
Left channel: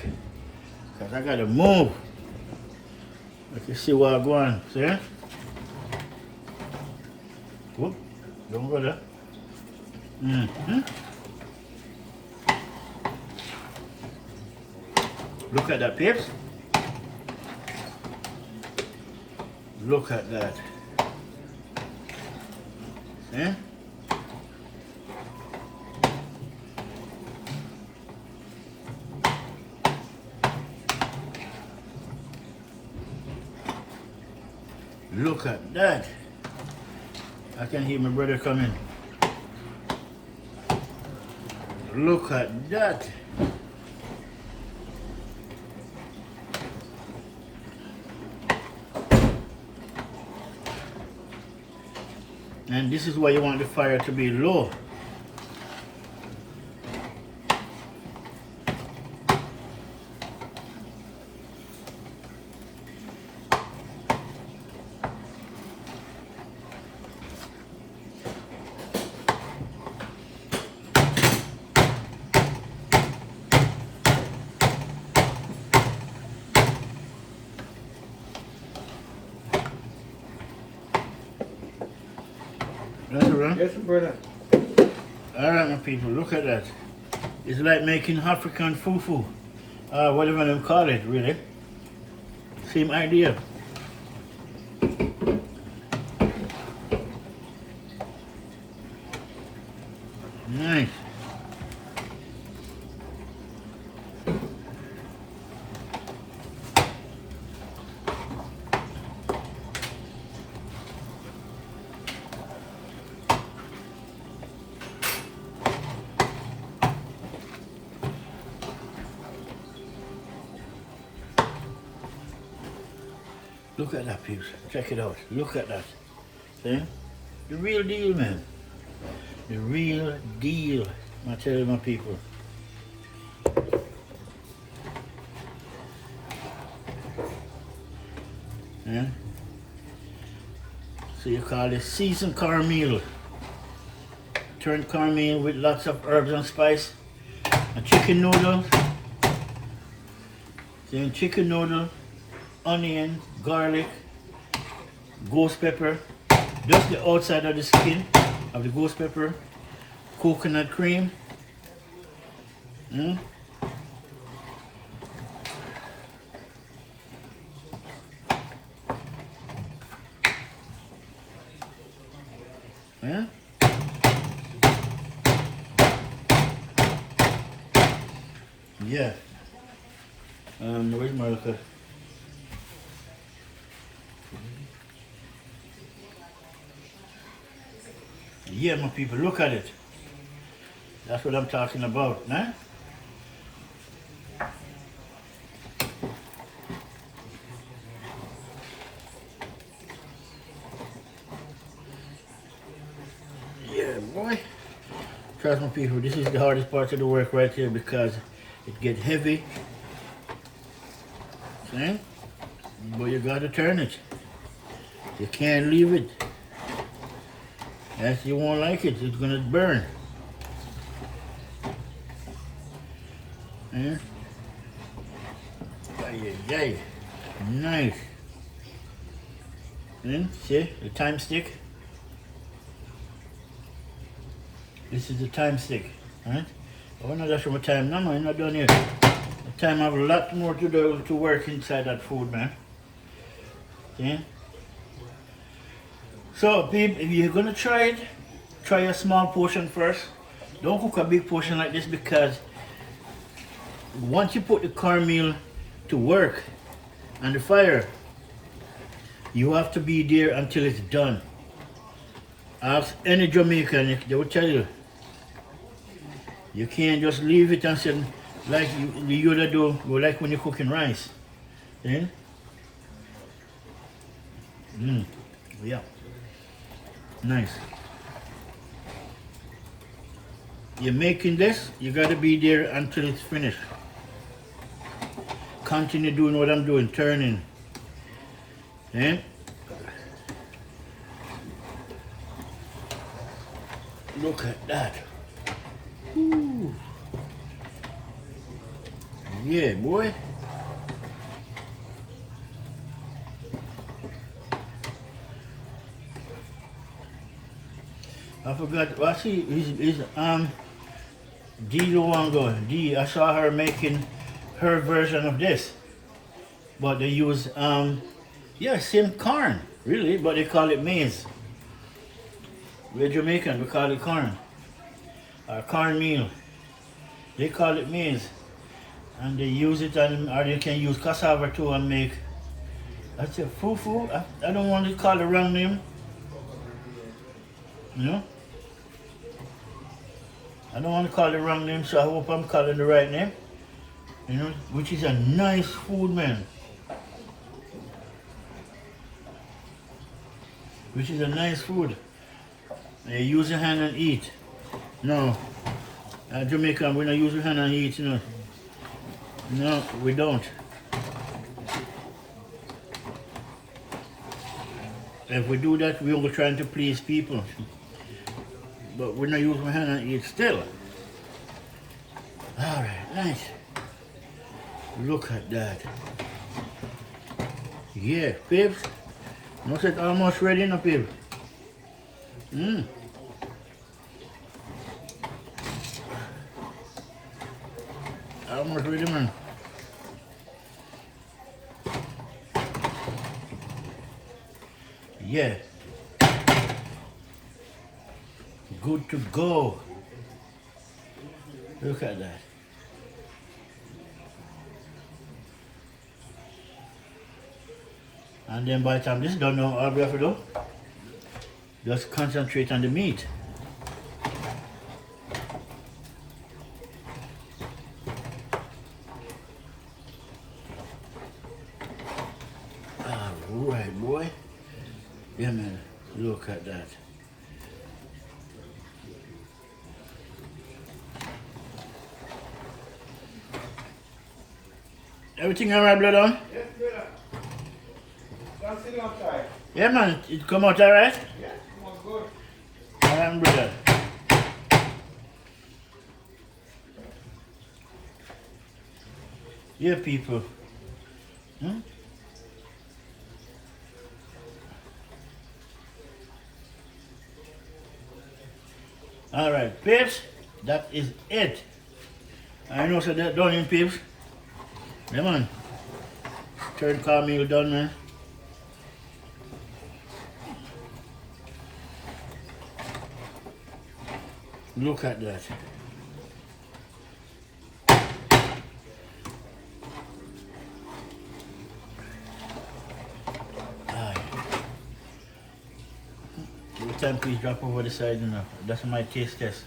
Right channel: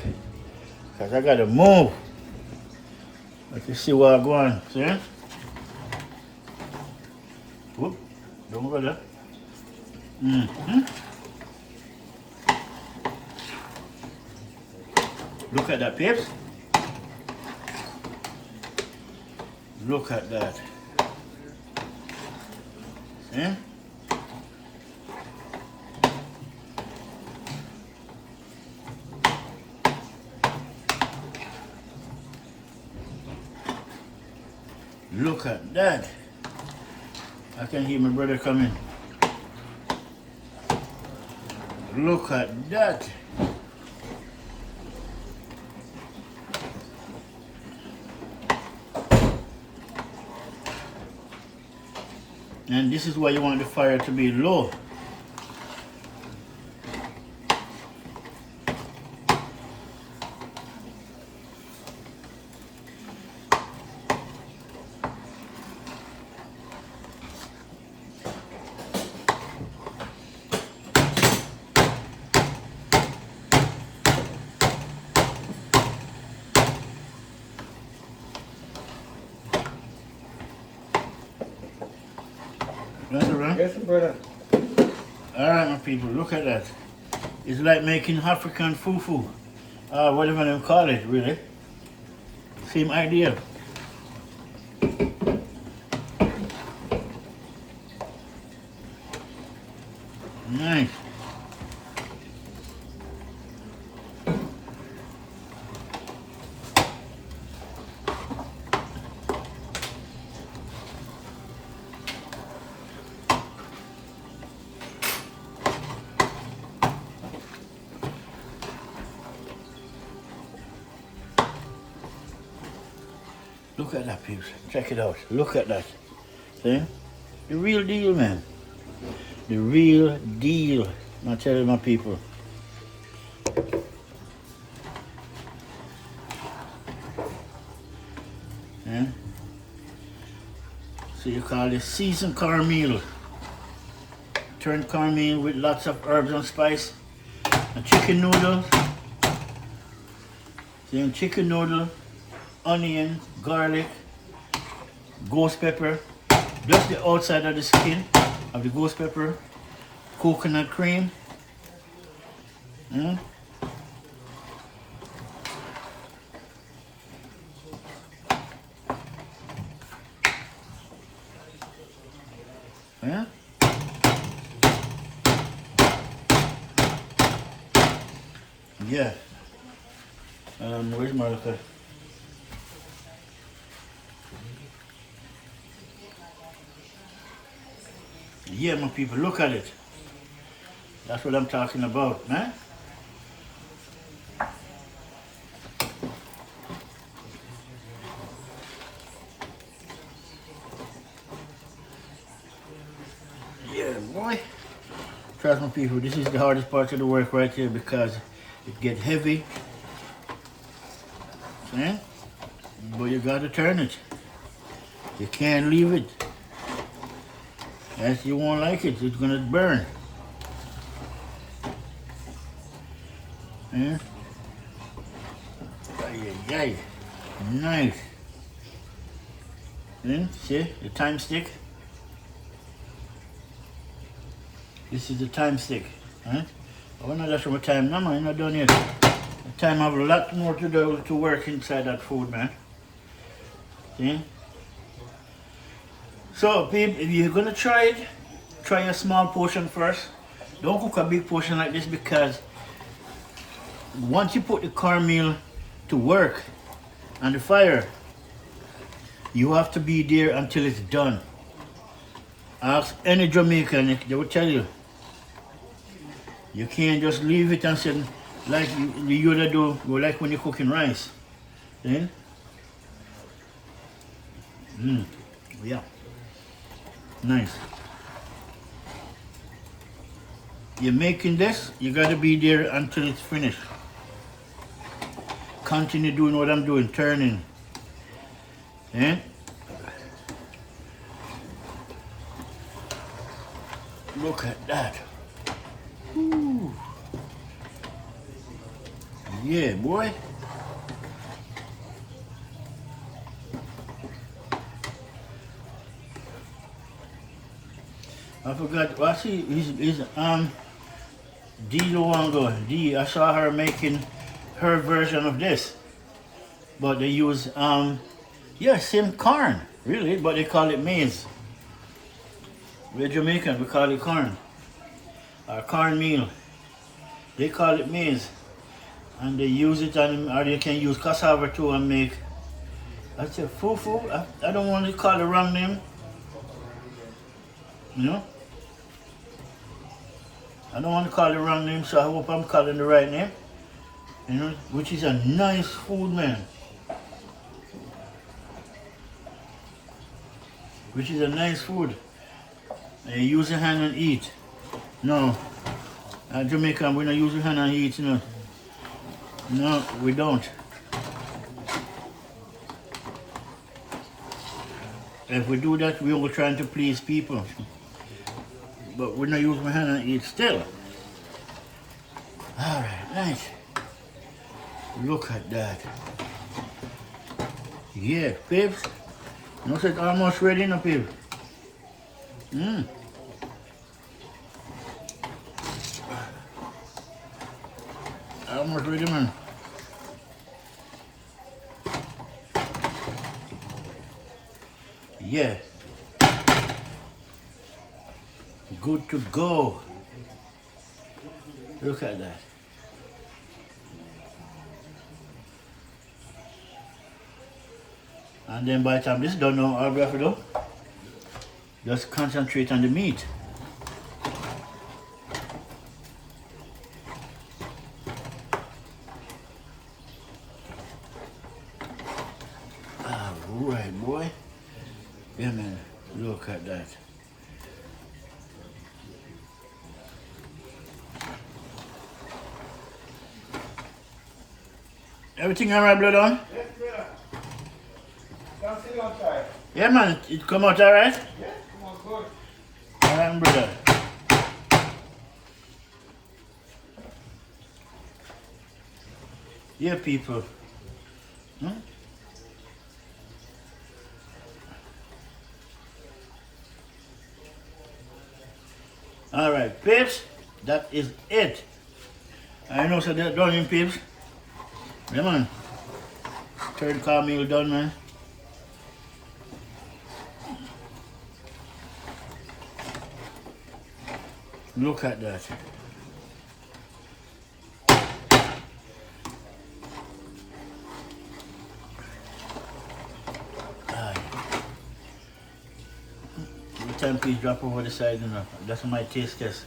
because I gotta move. If you see where I'm going, see? Whoop, don't go there. Look at that, peeps. Look at that. Yeah. Look at that. I can hear my brother coming. Look at that. And this is why you want the fire to be low. That's all right? Yes, brother. Alright, my people, look at that. It's like making African fufu. Whatever they call it, really. Same idea. Nice. Look at that, peeps. Check it out. Look at that. See? The real deal, man. The real deal. I'm telling my people. Yeah? So you call this seasoned cornmeal. Turned cornmeal with lots of herbs and spice. And chicken noodles. Then chicken noodle, onion, garlic, ghost pepper. Just the outside of the skin of the ghost pepper. Coconut cream. Mm. Yeah. Yeah. Where's my liquor? Yeah, my people, look at it. That's what I'm talking about, man. Yeah, boy. Trust me, people, this is the hardest part of the work right here because it gets heavy. See? But you gotta turn it. You can't leave it. Else you won't like it. It's gonna burn. Hmm? Ay. Nice. Hmm? See? The thyme stick. This is the thyme stick. Huh? Oh no, that's from a thyme. No, I'm not done yet. The thyme have a lot more to do to work inside that food, man. See? So, people, if you're gonna try it, try a small portion first. Don't cook a big portion like this because once you put the cornmeal to work on the fire, you have to be there until it's done. Ask any Jamaican, they will tell you. You can't just leave it and say, like you do, like when you're cooking rice. Then, yeah. Nice. You're making this, you gotta be there until it's finished. Continue doing what I'm doing, turning. Eh? Look at that. Ooh. Yeah, boy. I forgot. Well, see, is D Luango. D. I saw her making her version of this, but they use yeah, same corn, really, but they call it maize. We're Jamaican, we call it corn, or cornmeal. They call it maize, and they use it, or they can use cassava too and make. I said fufu. I don't want to call the wrong name. You know? I don't want to call the wrong name, so I hope I'm calling the right name. You know, which is a nice food, man. Which is a nice food. Use your hand and eat. No, Jamaican, we don't use your hand and eat, you know. No, we don't. If we do that, we're all trying to please people. But we're not using my hand and eat still. Alright, nice. Look at that. Yeah, babes. Looks like almost ready now, babe. Almost ready, man. Yeah. Good to go. Look at that. And then by the time this is done now, all we have to do, just concentrate on the meat. Alright. Alright, boy. Yeah, man. Look at that. Everything alright, blood on? Yes, brother. Come sit down, try. Yeah, man. It come out alright? Yeah, come on, good. Alright, brother. Yeah, people. Hmm? Alright, peeps. That is it. I know so that done in peeps. Yeah, man. Third cornmeal done, man. Look at that. Aye. Every time please drop over the side, you know. That's my taste test.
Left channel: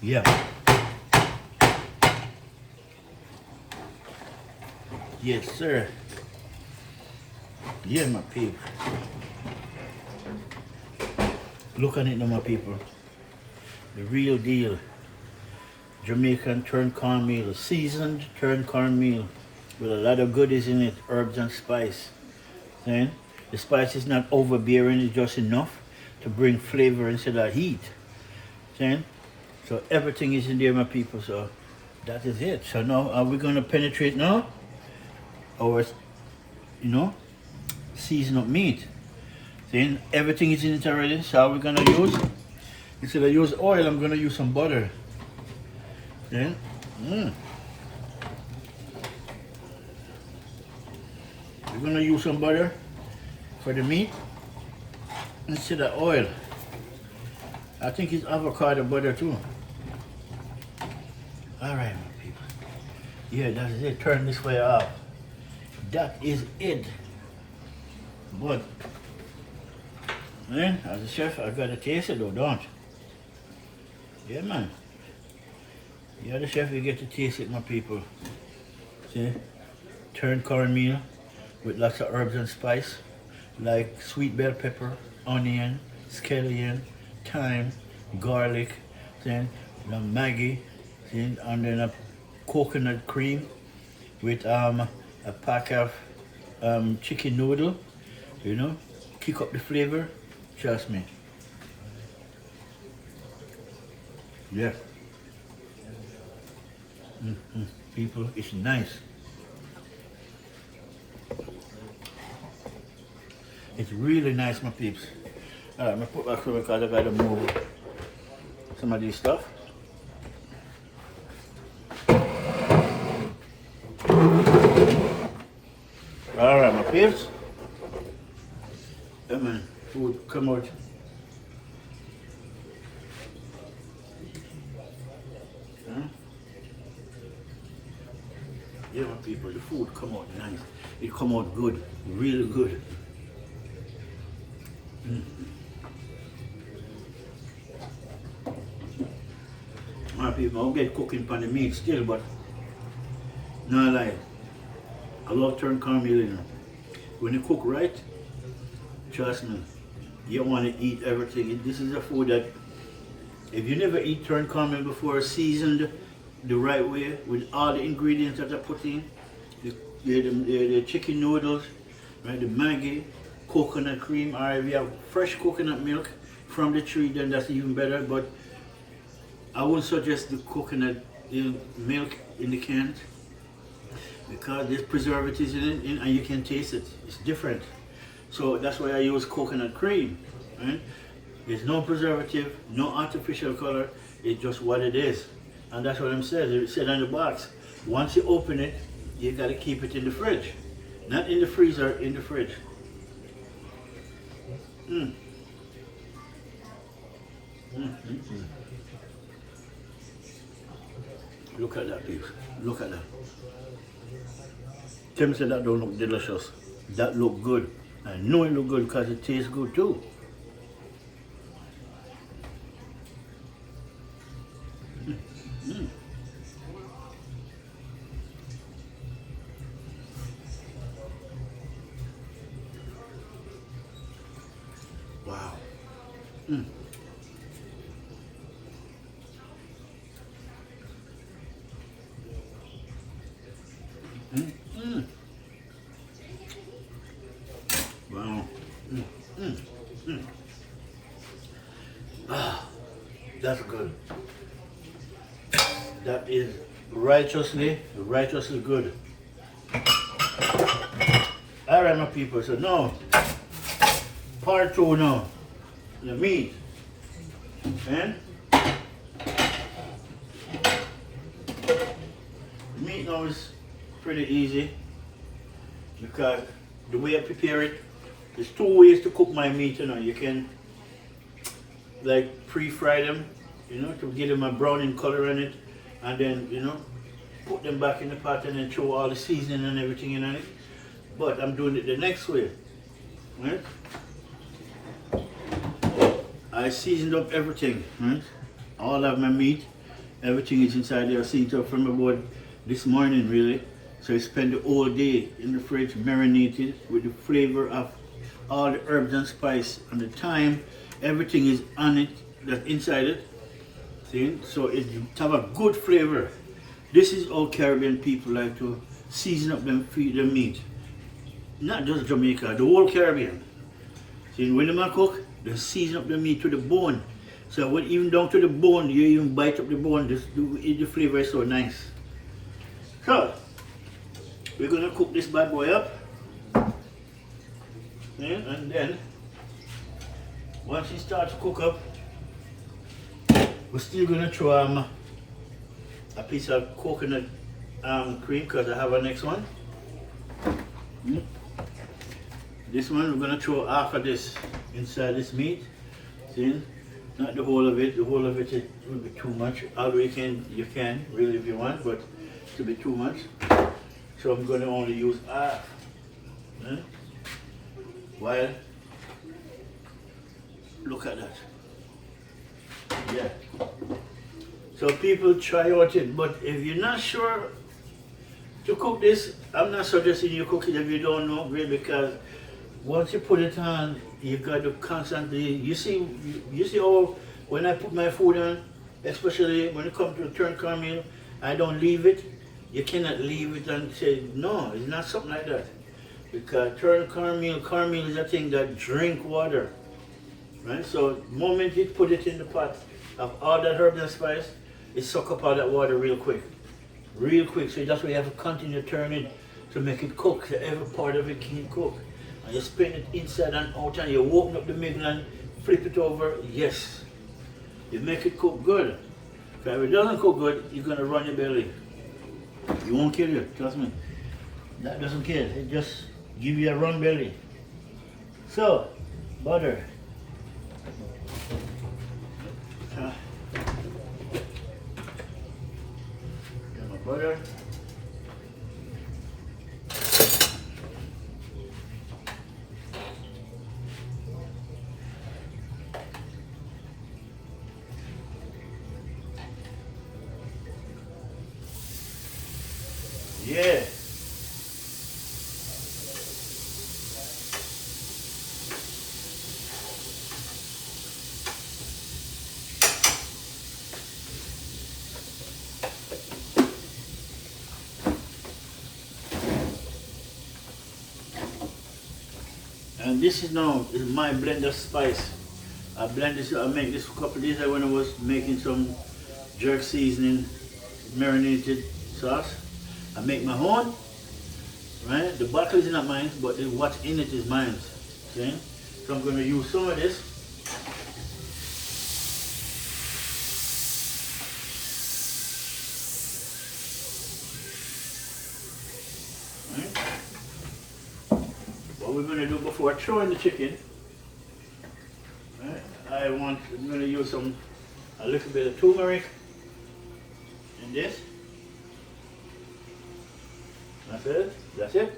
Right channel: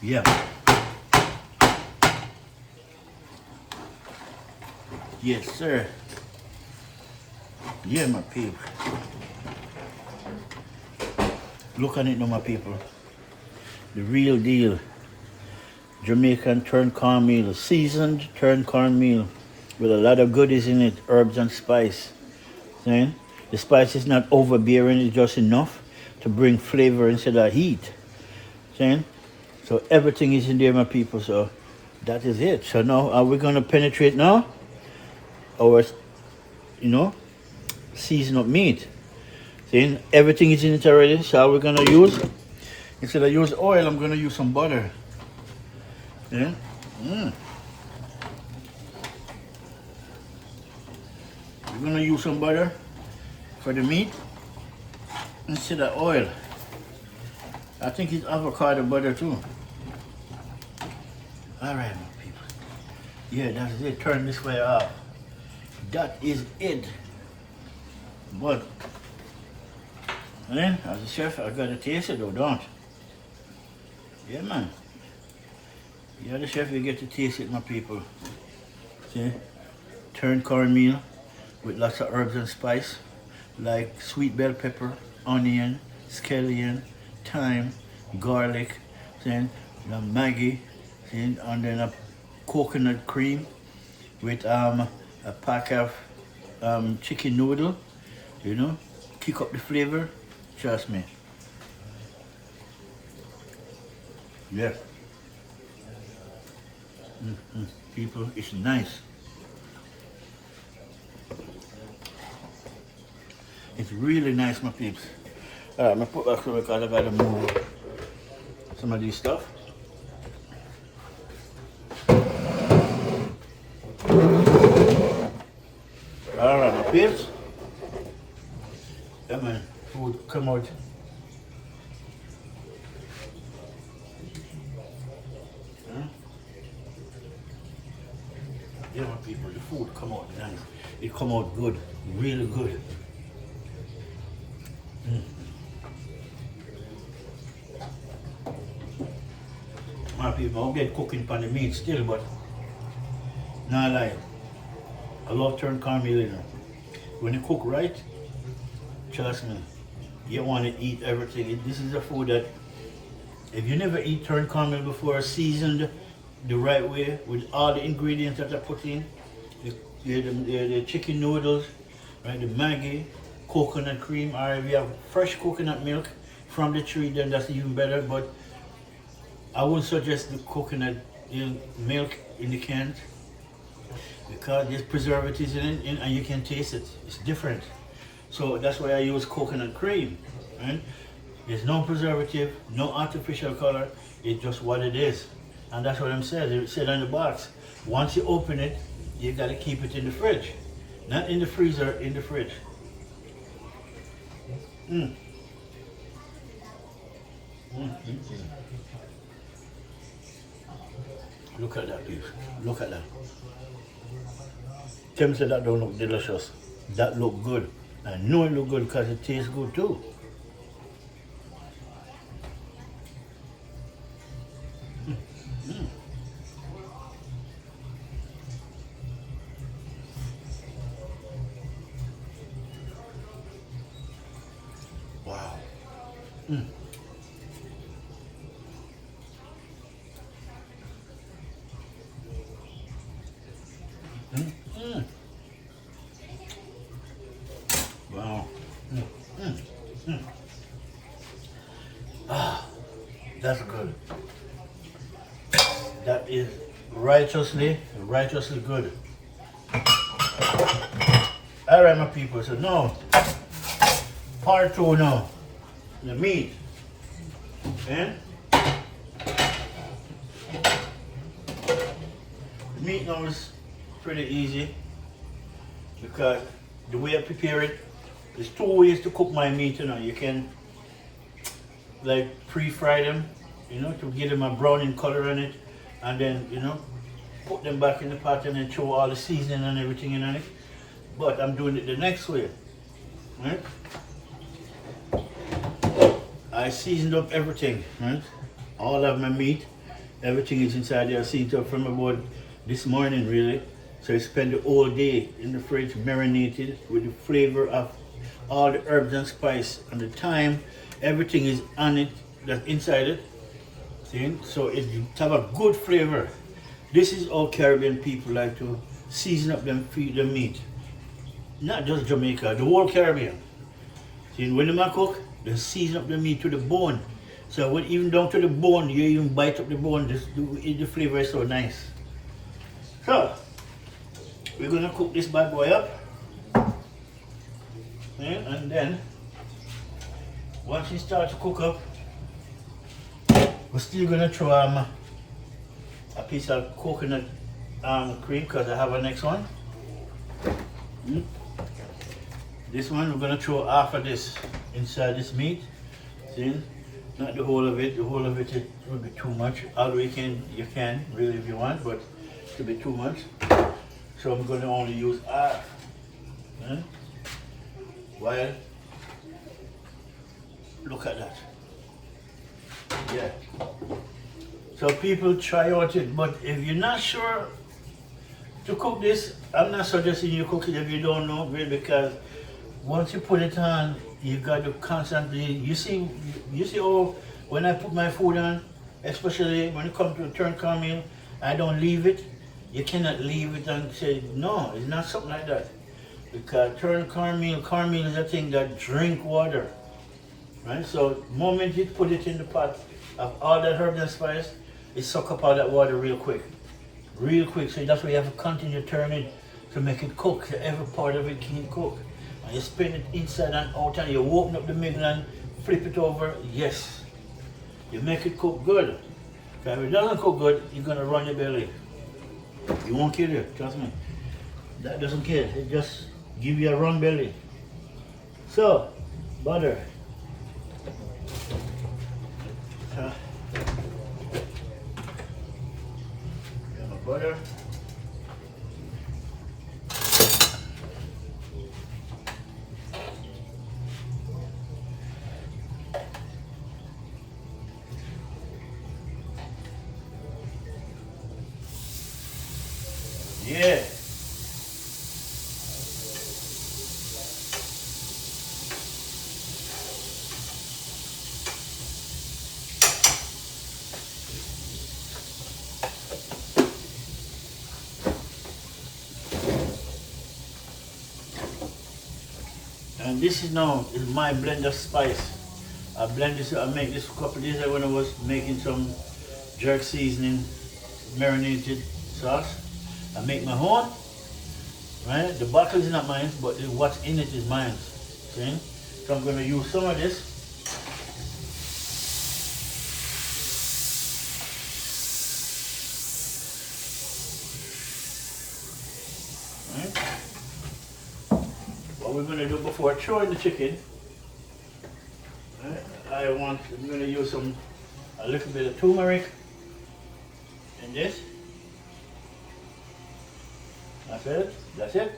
Yeah. Yes, sir. Yeah, my people. Look at it now, my people. The real deal. Jamaican turned cornmeal, seasoned turned cornmeal with a lot of goodies in it, herbs and spice. See? The spice is not overbearing, it's just enough to bring flavor instead of heat. See? So everything is in there, my people. So that is it. So now, are we gonna penetrate now? Our, season up meat. See? Everything is in it already. So how we're gonna use? Instead of use oil, I'm gonna use some butter. Yeah. We're gonna use some butter for the meat instead of oil. I think it's avocado butter too. Alright, my people. Yeah, that's it. Turn this way off. That is it. But, man, as a chef, I gotta taste it though, don't? Yeah, man. You're the chef, you get to taste it, my people. See? Turned cornmeal with lots of herbs and spice, like sweet bell pepper, onion, scallion, thyme, garlic, then the Maggi, then and then a coconut cream with a pack of chicken noodle, kick up the flavor. Trust me. Yeah. People, it's nice. It's really nice, my peeps. Alright, I'm gonna put back some because I gotta move some of this stuff. Alright, my peeps. Yeah, man, food come out. Yeah, my people, the food come out nice. It come out good, really good. My people, I'll get cooking pan the meat still, but not lie. I love turned cornmeal, When you cook right, trust me, you want to eat everything. This is a food that, if you never eat turned cornmeal before, seasoned the right way with all the ingredients that I put in, the chicken noodles, right, the Maggi, coconut cream, or if you have fresh coconut milk from the tree, then that's even better. But I wouldn't suggest the coconut milk in the cans because there's preservatives in it and you can taste it. It's different. So that's why I use coconut cream. Right? There's no preservative, no artificial color. It's just what it is. And that's what I'm saying. It said on the box. Once you open it, you gotta keep it in the fridge. Not in the freezer, in the fridge. Look at that, beef. Look at that. Tim said that don't look delicious. That look good. I know it look good because it tastes good too. Mm. Mm. Mm. Wow. Mm. Mm. Mm. Ah, that's good. That is righteously good. All right, my people. So now, part two now. The meat. Eh? The meat now is pretty easy because the way I prepare it, there's two ways to cook my meat. You know, you can like pre-fry them, you know, to give them a browning color in it, and then you know put them back in the pot and then throw all the seasoning and everything in it. But I'm doing it the next way, right? I seasoned up everything, right? All of my meat, everything is inside there. I seasoned up from about this morning, really. So I spent the whole day in the fridge marinated with the flavor of all the herbs and spice and the thyme. Everything is on it, that's inside it. See? So it have a good flavor. This is how Caribbean people like to season up them meat. Not just Jamaica, the whole Caribbean. See, when they cook, they season up the meat to the bone. So when even down to the bone, you even bite up the bone, the flavor is so nice. So, we're gonna cook this bad boy up. Okay, and then, once it starts to cook up, we're still gonna throw a piece of coconut cream because I have a next one. This one we're gonna throw half of this inside this meat. See, not the whole of it. The whole of it will be too much. Although you can really if you want, but it'll be too much. So I'm gonna only use half. Well, look at that. Yeah. So people try out it, but if you're not sure to cook this, I'm not suggesting you cook it if you don't know, really, because once you put it on, you got to constantly. You see how when I put my food on, especially when it comes to turn cornmeal, I don't leave it. You cannot leave it and say no. It's not something like that, because turn cornmeal is a thing that drink water, right? So the moment you put it in the pot of all that herb and spice, it suck up all that water real quick. So that's why you have to continue to turn it to make it cook. So every part of it can cook. And you spin it inside and out and you open up the middle and flip it over. Yes. You make it cook good. Because if it doesn't cook good, you're going to run your belly. It won't kill you, trust me. That doesn't kill. It just give you a run belly. So, butter. Got my butter. Yeah. And this is now is my blend of spice. I blend this. I make this a couple of days ago when I was making some jerk seasoning, marinated sauce. I make my own. Right, the bottle is not mine, but what's in it is mine. Okay, so I'm going to use some of this. What we're going to do before throwing the chicken, I'm going to use a little bit of turmeric in this. That's it.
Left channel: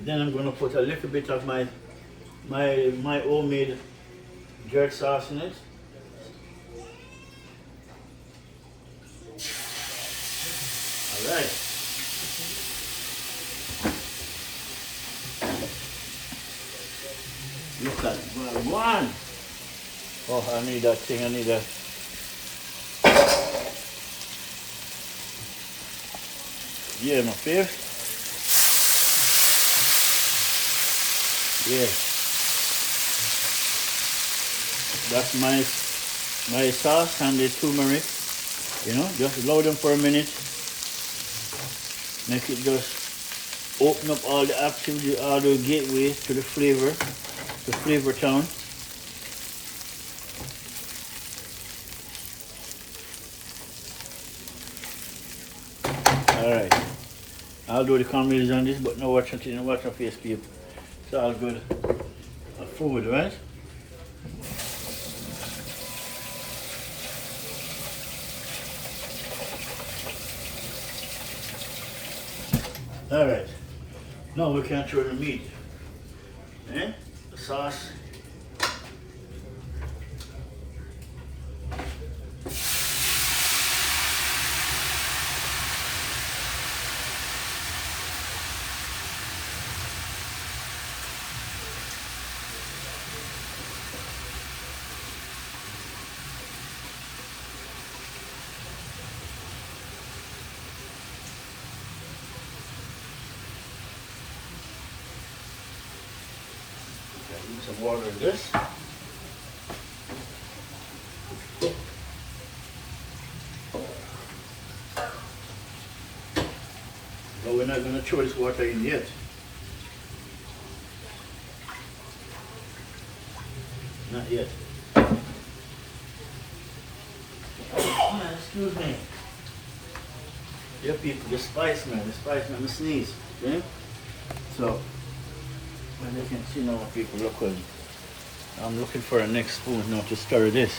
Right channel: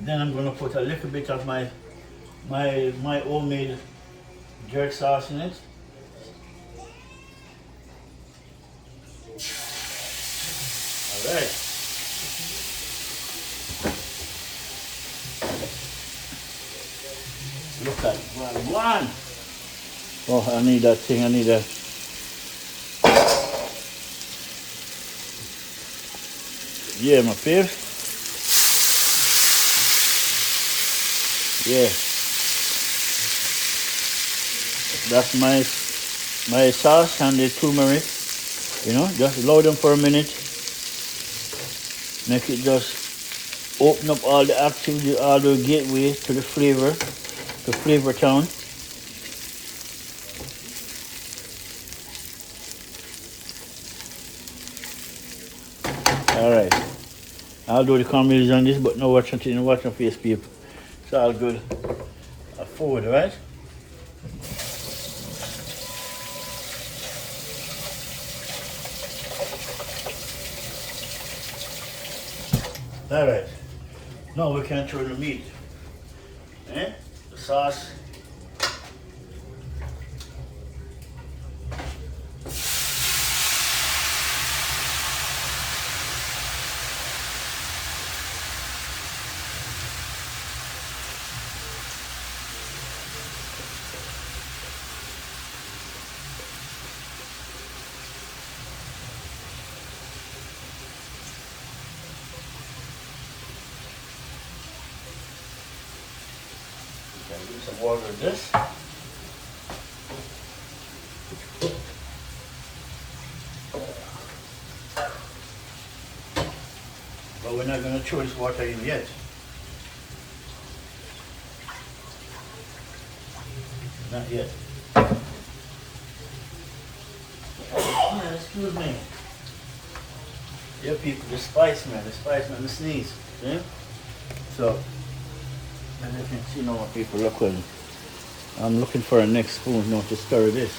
Then I'm going to put a little bit of my homemade jerk sauce in it. All right. Look cut. One. Oh, I need that thing. I need that. Yeah, my fifth. Yeah. That's my sauce and the turmeric. You know, just allow them for a minute. Make it just open up all the activity, all the gateways to the flavor town. Alright. I'll do the cornmeal on this, but no watch your face, people. It's all good. Food, right? Alright. No, we can't throw the meat. Eh? The sauce. Some water in this. But we're not going to throw this water in yet. Not yet. Yeah, excuse me. Yeah, people, the spice man, the sneeze. Okay? So, as you can see now, what people look like. I'm looking for a next spoon now to stir this.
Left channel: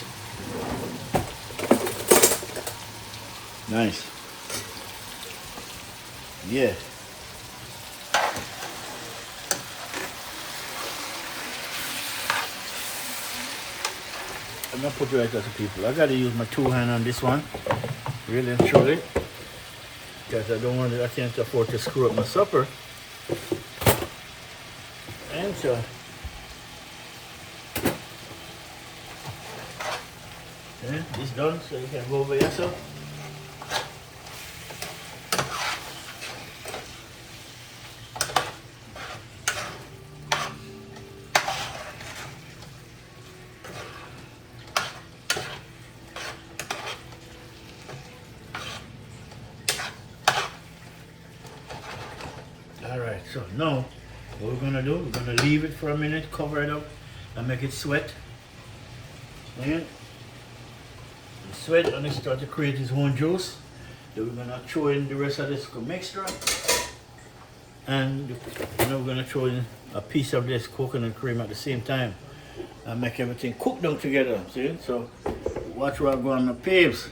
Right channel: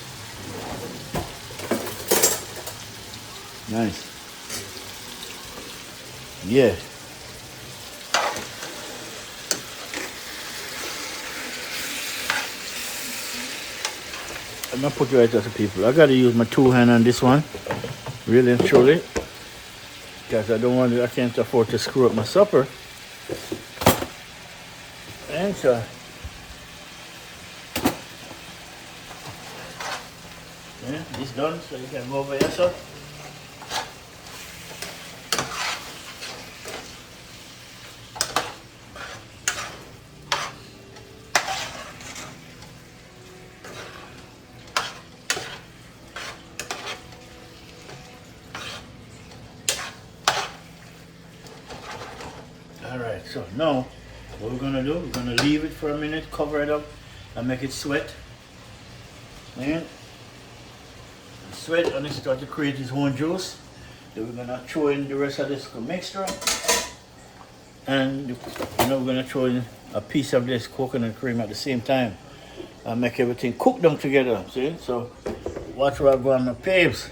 Nice. Yeah. I'm gonna put it right there to people. I gotta use my two hand on this one. Really and truly. Because I can't afford to screw up my supper. And so it's done, so you can go over here, sir. Alright, so now what we're gonna do, we're gonna leave it for a minute, cover it up, and make it sweat. And sweat, and it start to create its own juice. Then we're gonna throw in the rest of this mixture. And we're gonna throw in a piece of this coconut cream at the same time. And make everything cook down together. See? So watch where I go on my paves.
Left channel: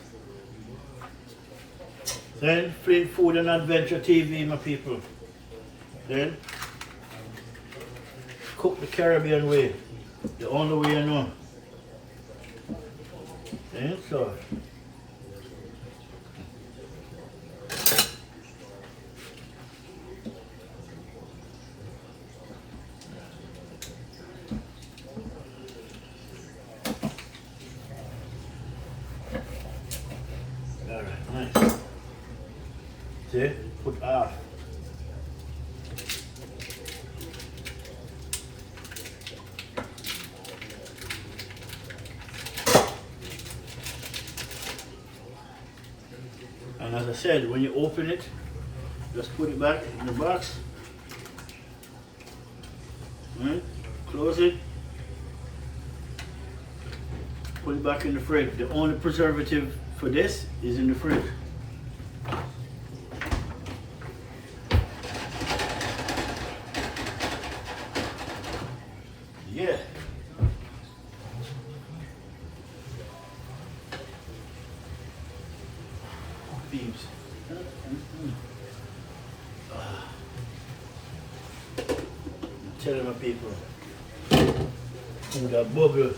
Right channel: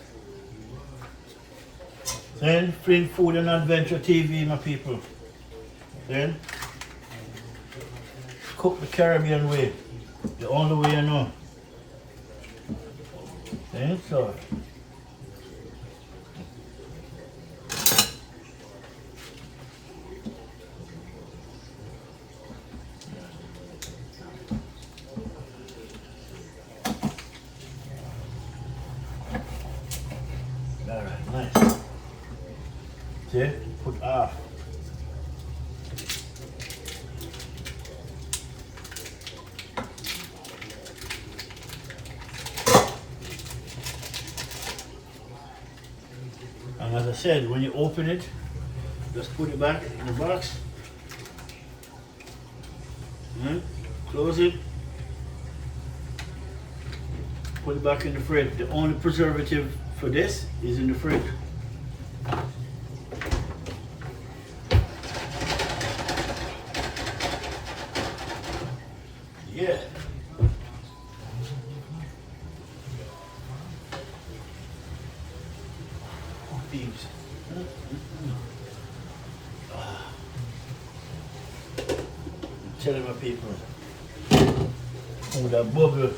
Then Flint Food and Adventure TV, my people. Then cook the Caribbean way, the only way you know. Then so all right, nice. See, put off. And as I said, when you open it, just put it back in the box. Close it. Put it back in the fridge. The only preservative for this is in the fridge. Yeah. Peeps. I'm telling my people. Oh, that bubble.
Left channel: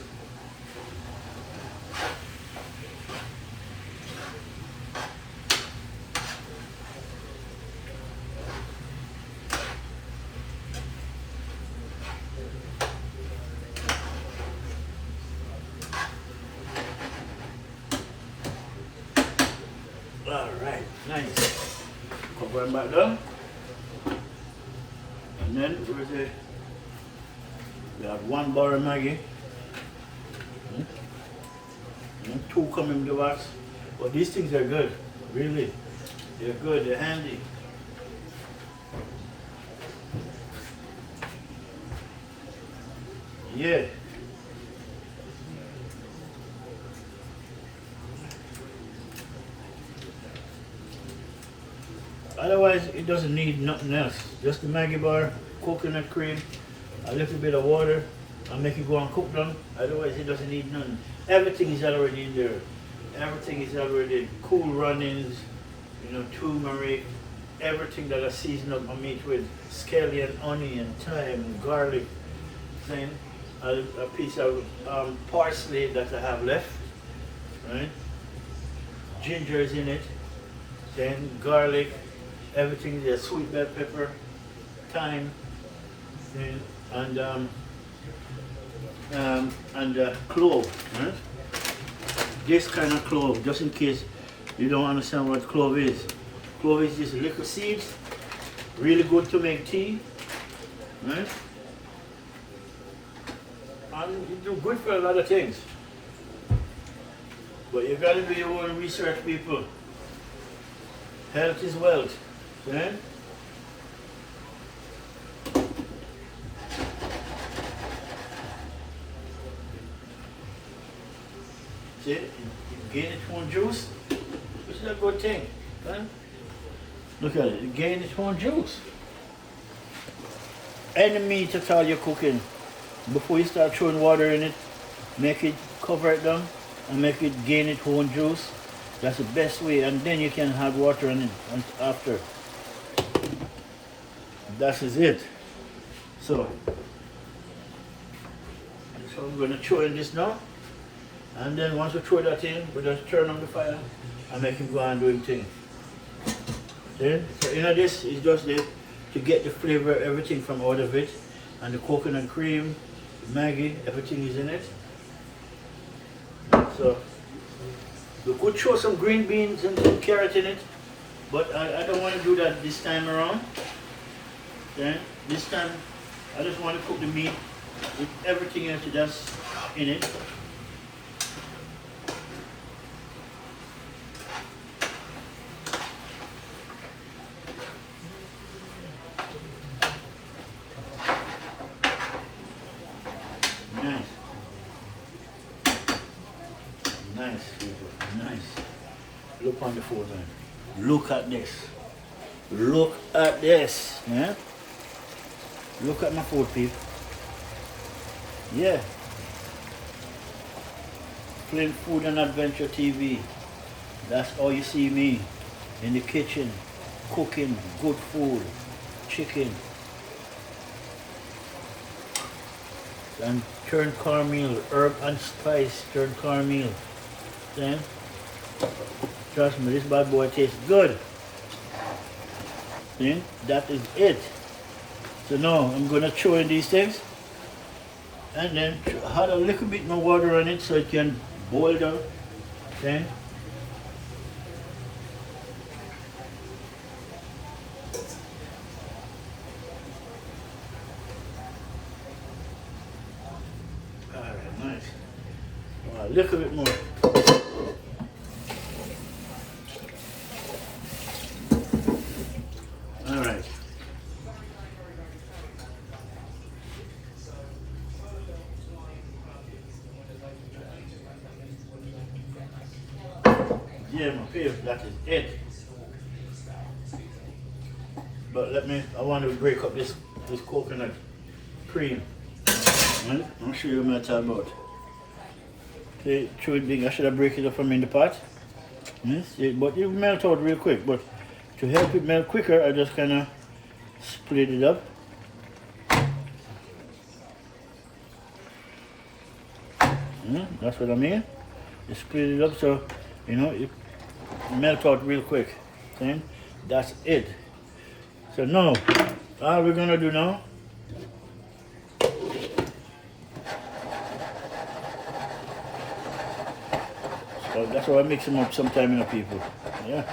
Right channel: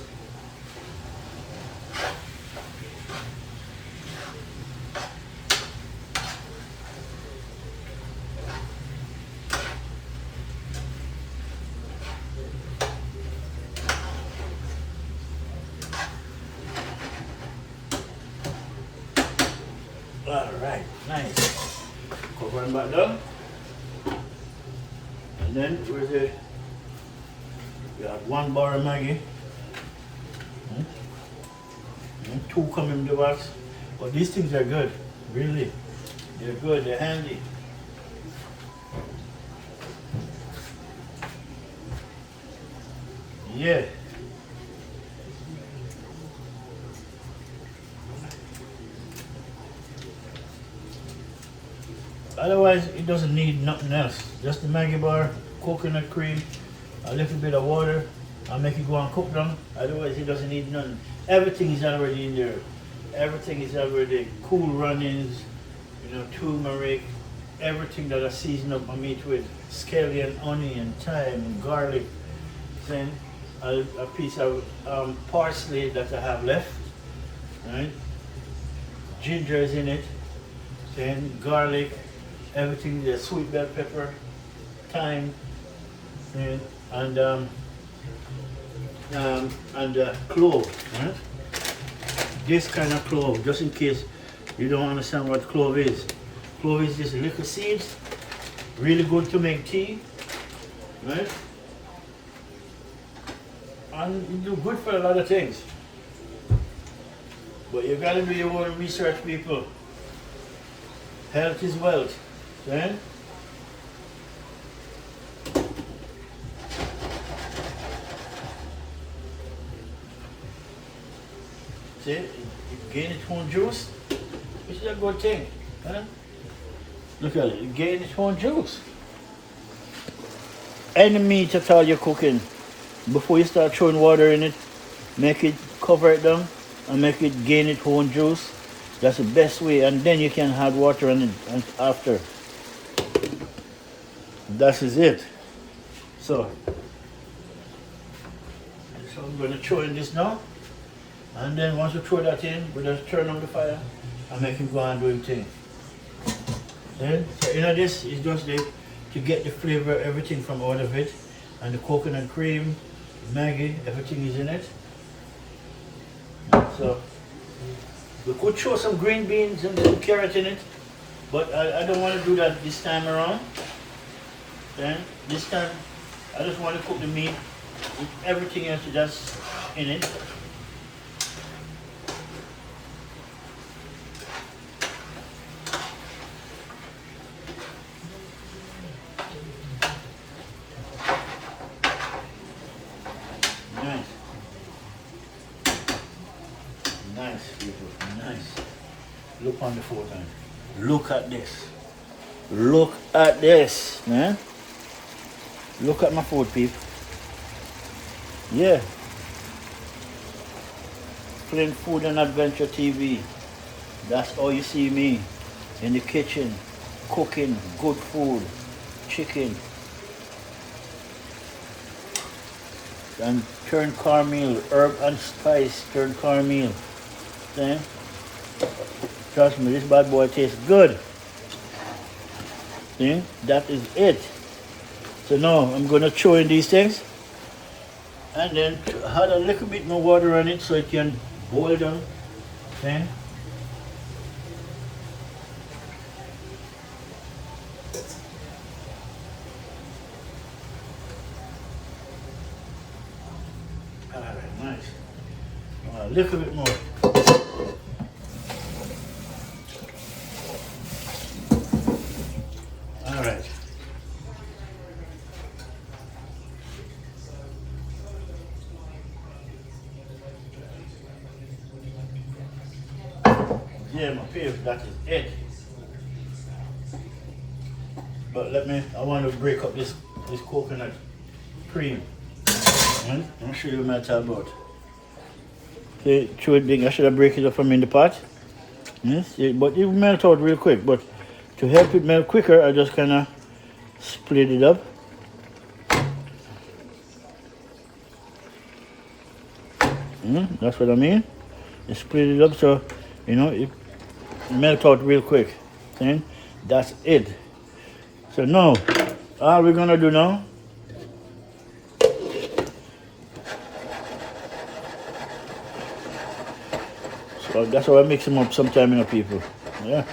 Alright, nice. Cover them back down. And then where's it? We have 1 bar of Maggi. And 2 come in the box. But these things are good, really. They're good, they're handy. Yeah. Otherwise, it doesn't need nothing else. Just the Maggi bar, coconut cream, a little bit of water. I'll make it go and cook down. Otherwise, it doesn't need nothing. Everything is already in there. Everything is already cool runnings, you know, turmeric, everything that I season up my meat with, scallion, onion, thyme, and garlic. Then a piece of parsley that I have left, right? Ginger is in it. Then garlic, everything there, sweet bell pepper, thyme, then, and clove. Right? This kind of clove, just in case you don't understand what clove is. Clove is just little seeds, really good to make tea, right? And you do good for a lot of things. But you gotta be your own research, people. Health is wealth, right? See, it gain its own juice, which is a good thing. Huh? Look at it, it gain its own juice. Any meat at all you're cooking, before you start throwing water in it, make it, cover it down, and make it gain its own juice. That's the best way, and then you can add water in it after. That is it. So I'm going to throw in this now. And then once we throw that in, we just turn on the fire and make him go and do his thing. Then, so in this is just to get the flavor, everything from out of it. And the coconut cream, Maggi, everything is in it. So we could throw some green beans and some carrot in it, but I don't want to do that this time around. Okay? This time I just want to cook the meat with everything else just in it. Nice. Nice, people. Nice. Look on the photo. Look at this. Look at this, man. Look at my food, people. Yeah. Flint Food and Adventure TV. That's all you see me in the kitchen, cooking good food, chicken. And turn cornmeal, herb and spice, turn cornmeal. Okay? Trust me, this bad boy tastes good. See? That is it. So now I'm gonna throw in these things and then add a little bit more water on it so it can boil down. Okay? Alright, nice. A little bit more. Alright. Yeah, my peers, that is it. But I want to break up this coconut cream. I'll show you what I'm talking about. Okay, throw it big. I should have break it up from in the pot. Yes, but it will melt out real quick. But to help it melt quicker, I just kind of split it up. That's what I mean. You split it up so, you know, it melt out real quick. See? That's it. So now, all we're gonna do now, so that's how I mix them up sometime, you know, people. Yeah.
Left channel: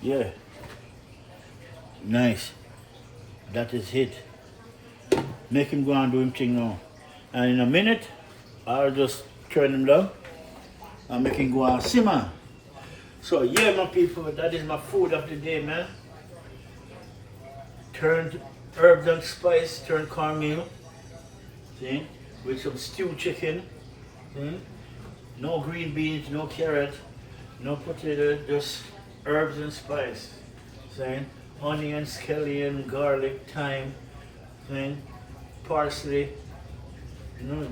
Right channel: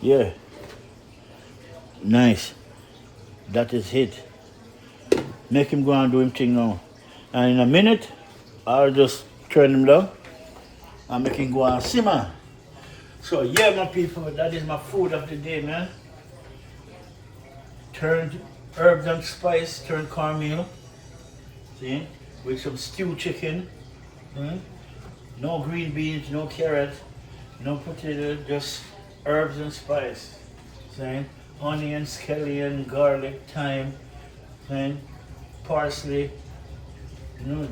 Yeah. Nice. That is it. Make him go and do him thing now. And in a minute, I'll just turn him down and make him go and simmer. So yeah, my people, that is my food of the day, man. Turned herbs and spice, turned cornmeal. See? With some stewed chicken. No green beans, no carrot, no potato, just herbs and spice. See? Onion, scallion, garlic, thyme, parsley,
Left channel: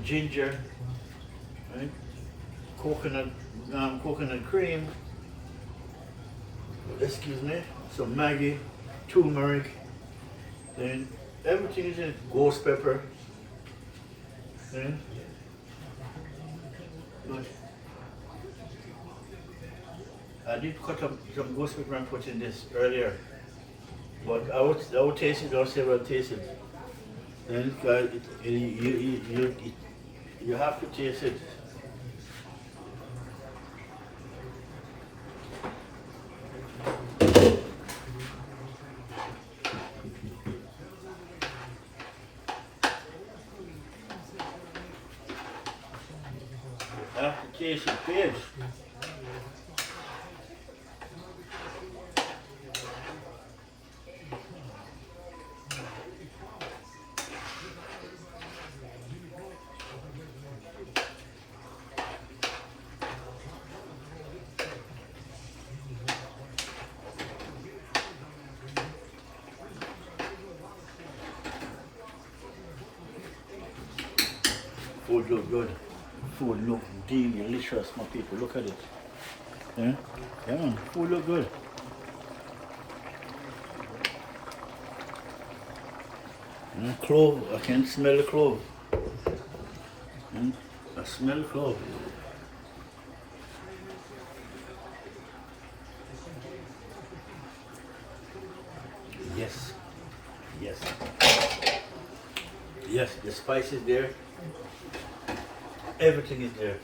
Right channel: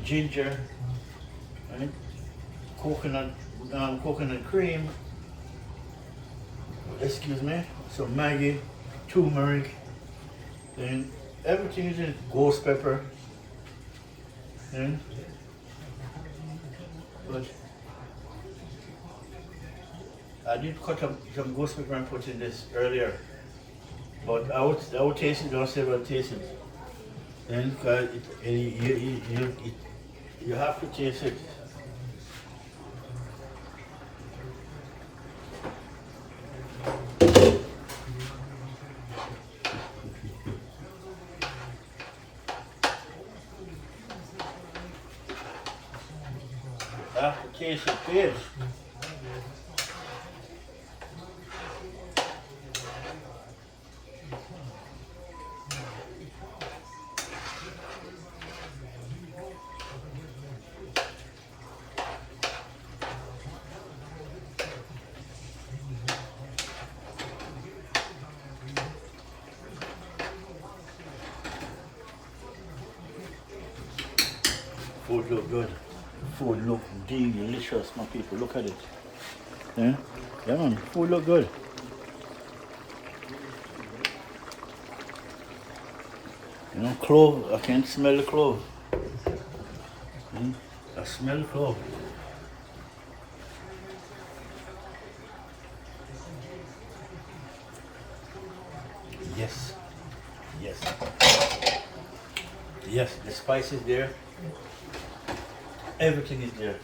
ginger, right? Coconut cream, excuse me, some Maggi, turmeric, then everything is in it. Ghost pepper, but I did cut up some ghost pepper and put in this earlier. But I would taste it, don't say well taste it. Then you have to taste it. I have to taste it, please. Food look good. Food look delicious, my people. Look at it. Yeah, man. Food look good. Clove. I can smell the clove. I smell clove. Yes. Yes. Yes, the spice is there. Everything is there.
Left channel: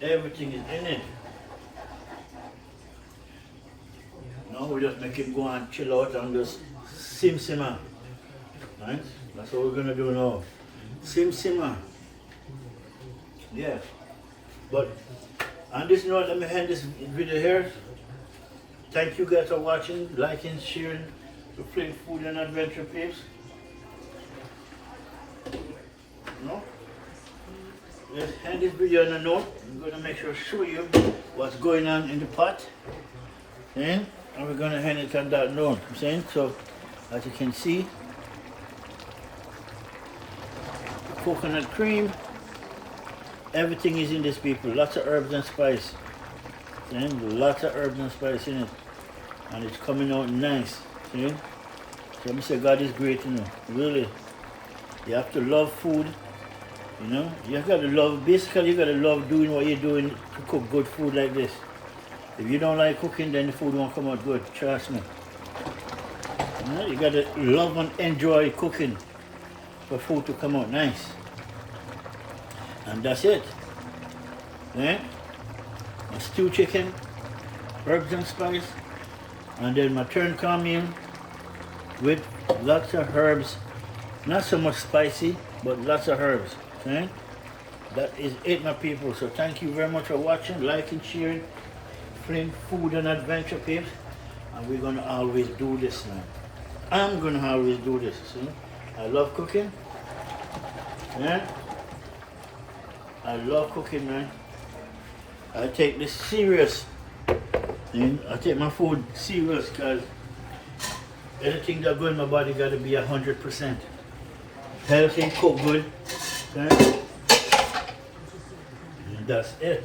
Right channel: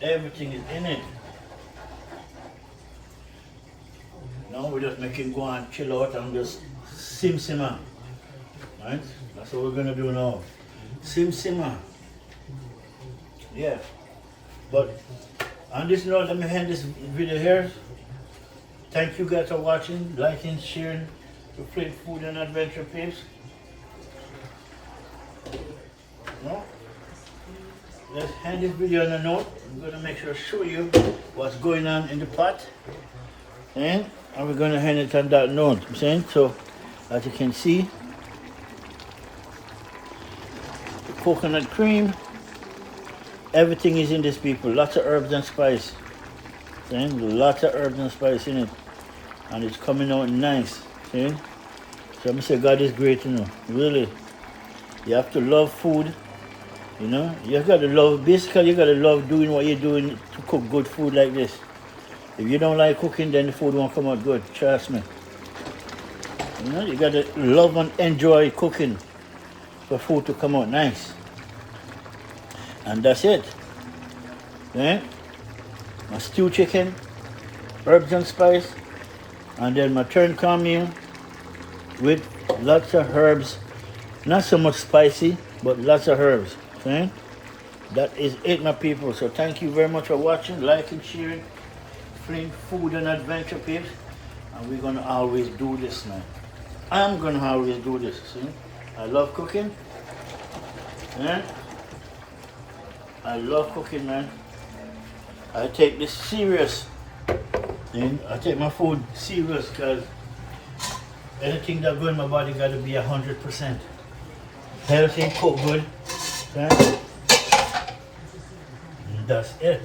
Everything is in it. Now we just make him go and chill out and just simmer. Right? That's what we're gonna do now. Simmer. Yeah. But on this note, let me end this video here. Thank you guys for watching, liking, sharing the Flint Food and Adventure Peeps. No? Let's end this video on a note. I'm going to make sure to show you what's going on in the pot. And we're going to end it on that note. I'm saying? So, as you can see, the coconut cream, everything is in this, people. Lots of herbs and spice. See? Lots of herbs and spice in it. And it's coming out nice. See? So I say God is great, really. You have to love food, You got to love, basically you got to love doing what you're doing to cook good food like this. If you don't like cooking, then the food won't come out good, trust me. You got to love and enjoy cooking for food to come out nice. And that's it. Yeah? My stewed chicken, herbs and spice, and then my turned cornmeal with lots of herbs. Not so much spicy, but lots of herbs. Okay? That is it, my people. So thank you very much for watching, liking, sharing Flint Food and Adventure Peeps. And we're gonna always do this now. I'm gonna always do this. See? I love cooking. Yeah? I love cooking, man. I take this serious. I take my food serious because anything that goes in my body got to be 100%. Healthy, cook good. Okay? And that's it.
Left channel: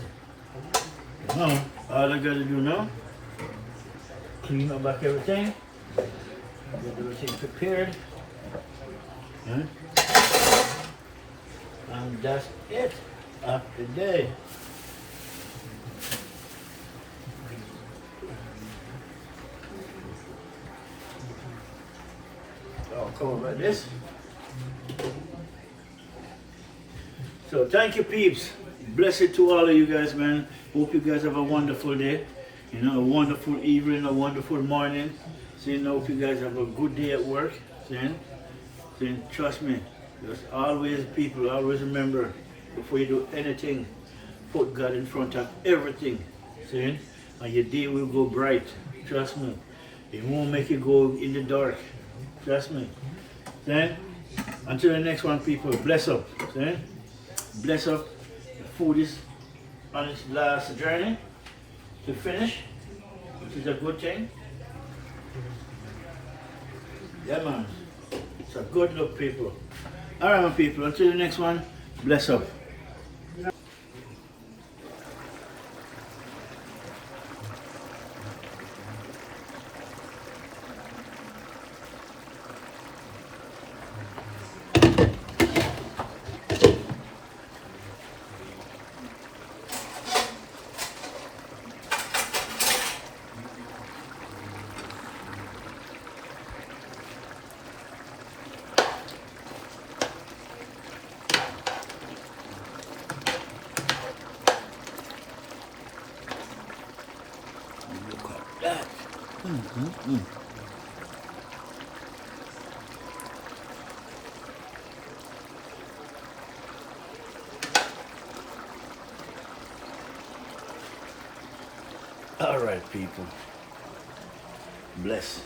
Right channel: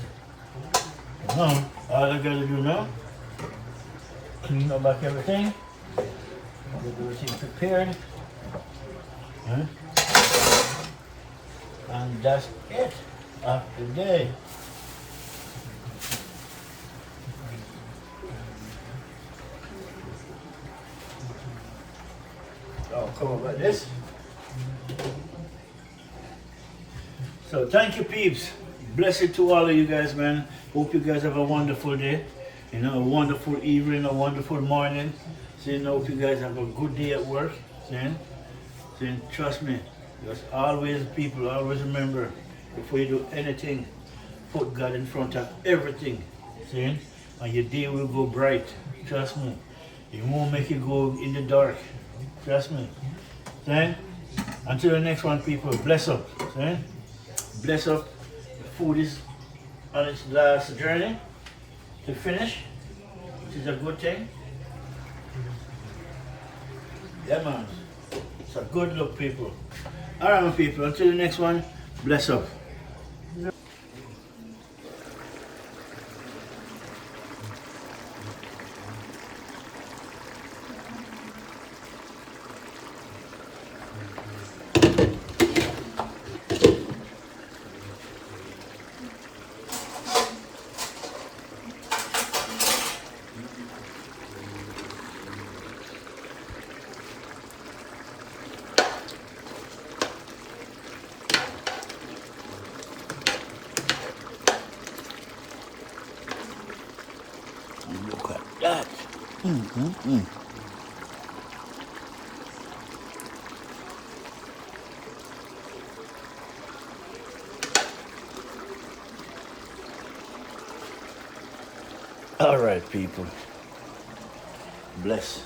Now, all I gotta do now, clean up back everything. Get everything prepared. And that's it after the day. I'll cover like this. So thank you, peeps. bless it to all of you guys, man. Hope you guys have a wonderful day. You know, a wonderful evening, a wonderful morning. So, you know, hope you guys have a good day at work. So, trust me, just always, people, always remember, before you do anything, put God in front of everything. See? And your day will go bright. Trust me. It won't make you go in the dark. Trust me. See? Until the next one, people, bless up. See? Bless up. The food is on its last journey to finish, which is a good thing. Yeah, man. It's a good look, people. All right, my people. Until the next one, bless up. Look at that. All right, people. Bless.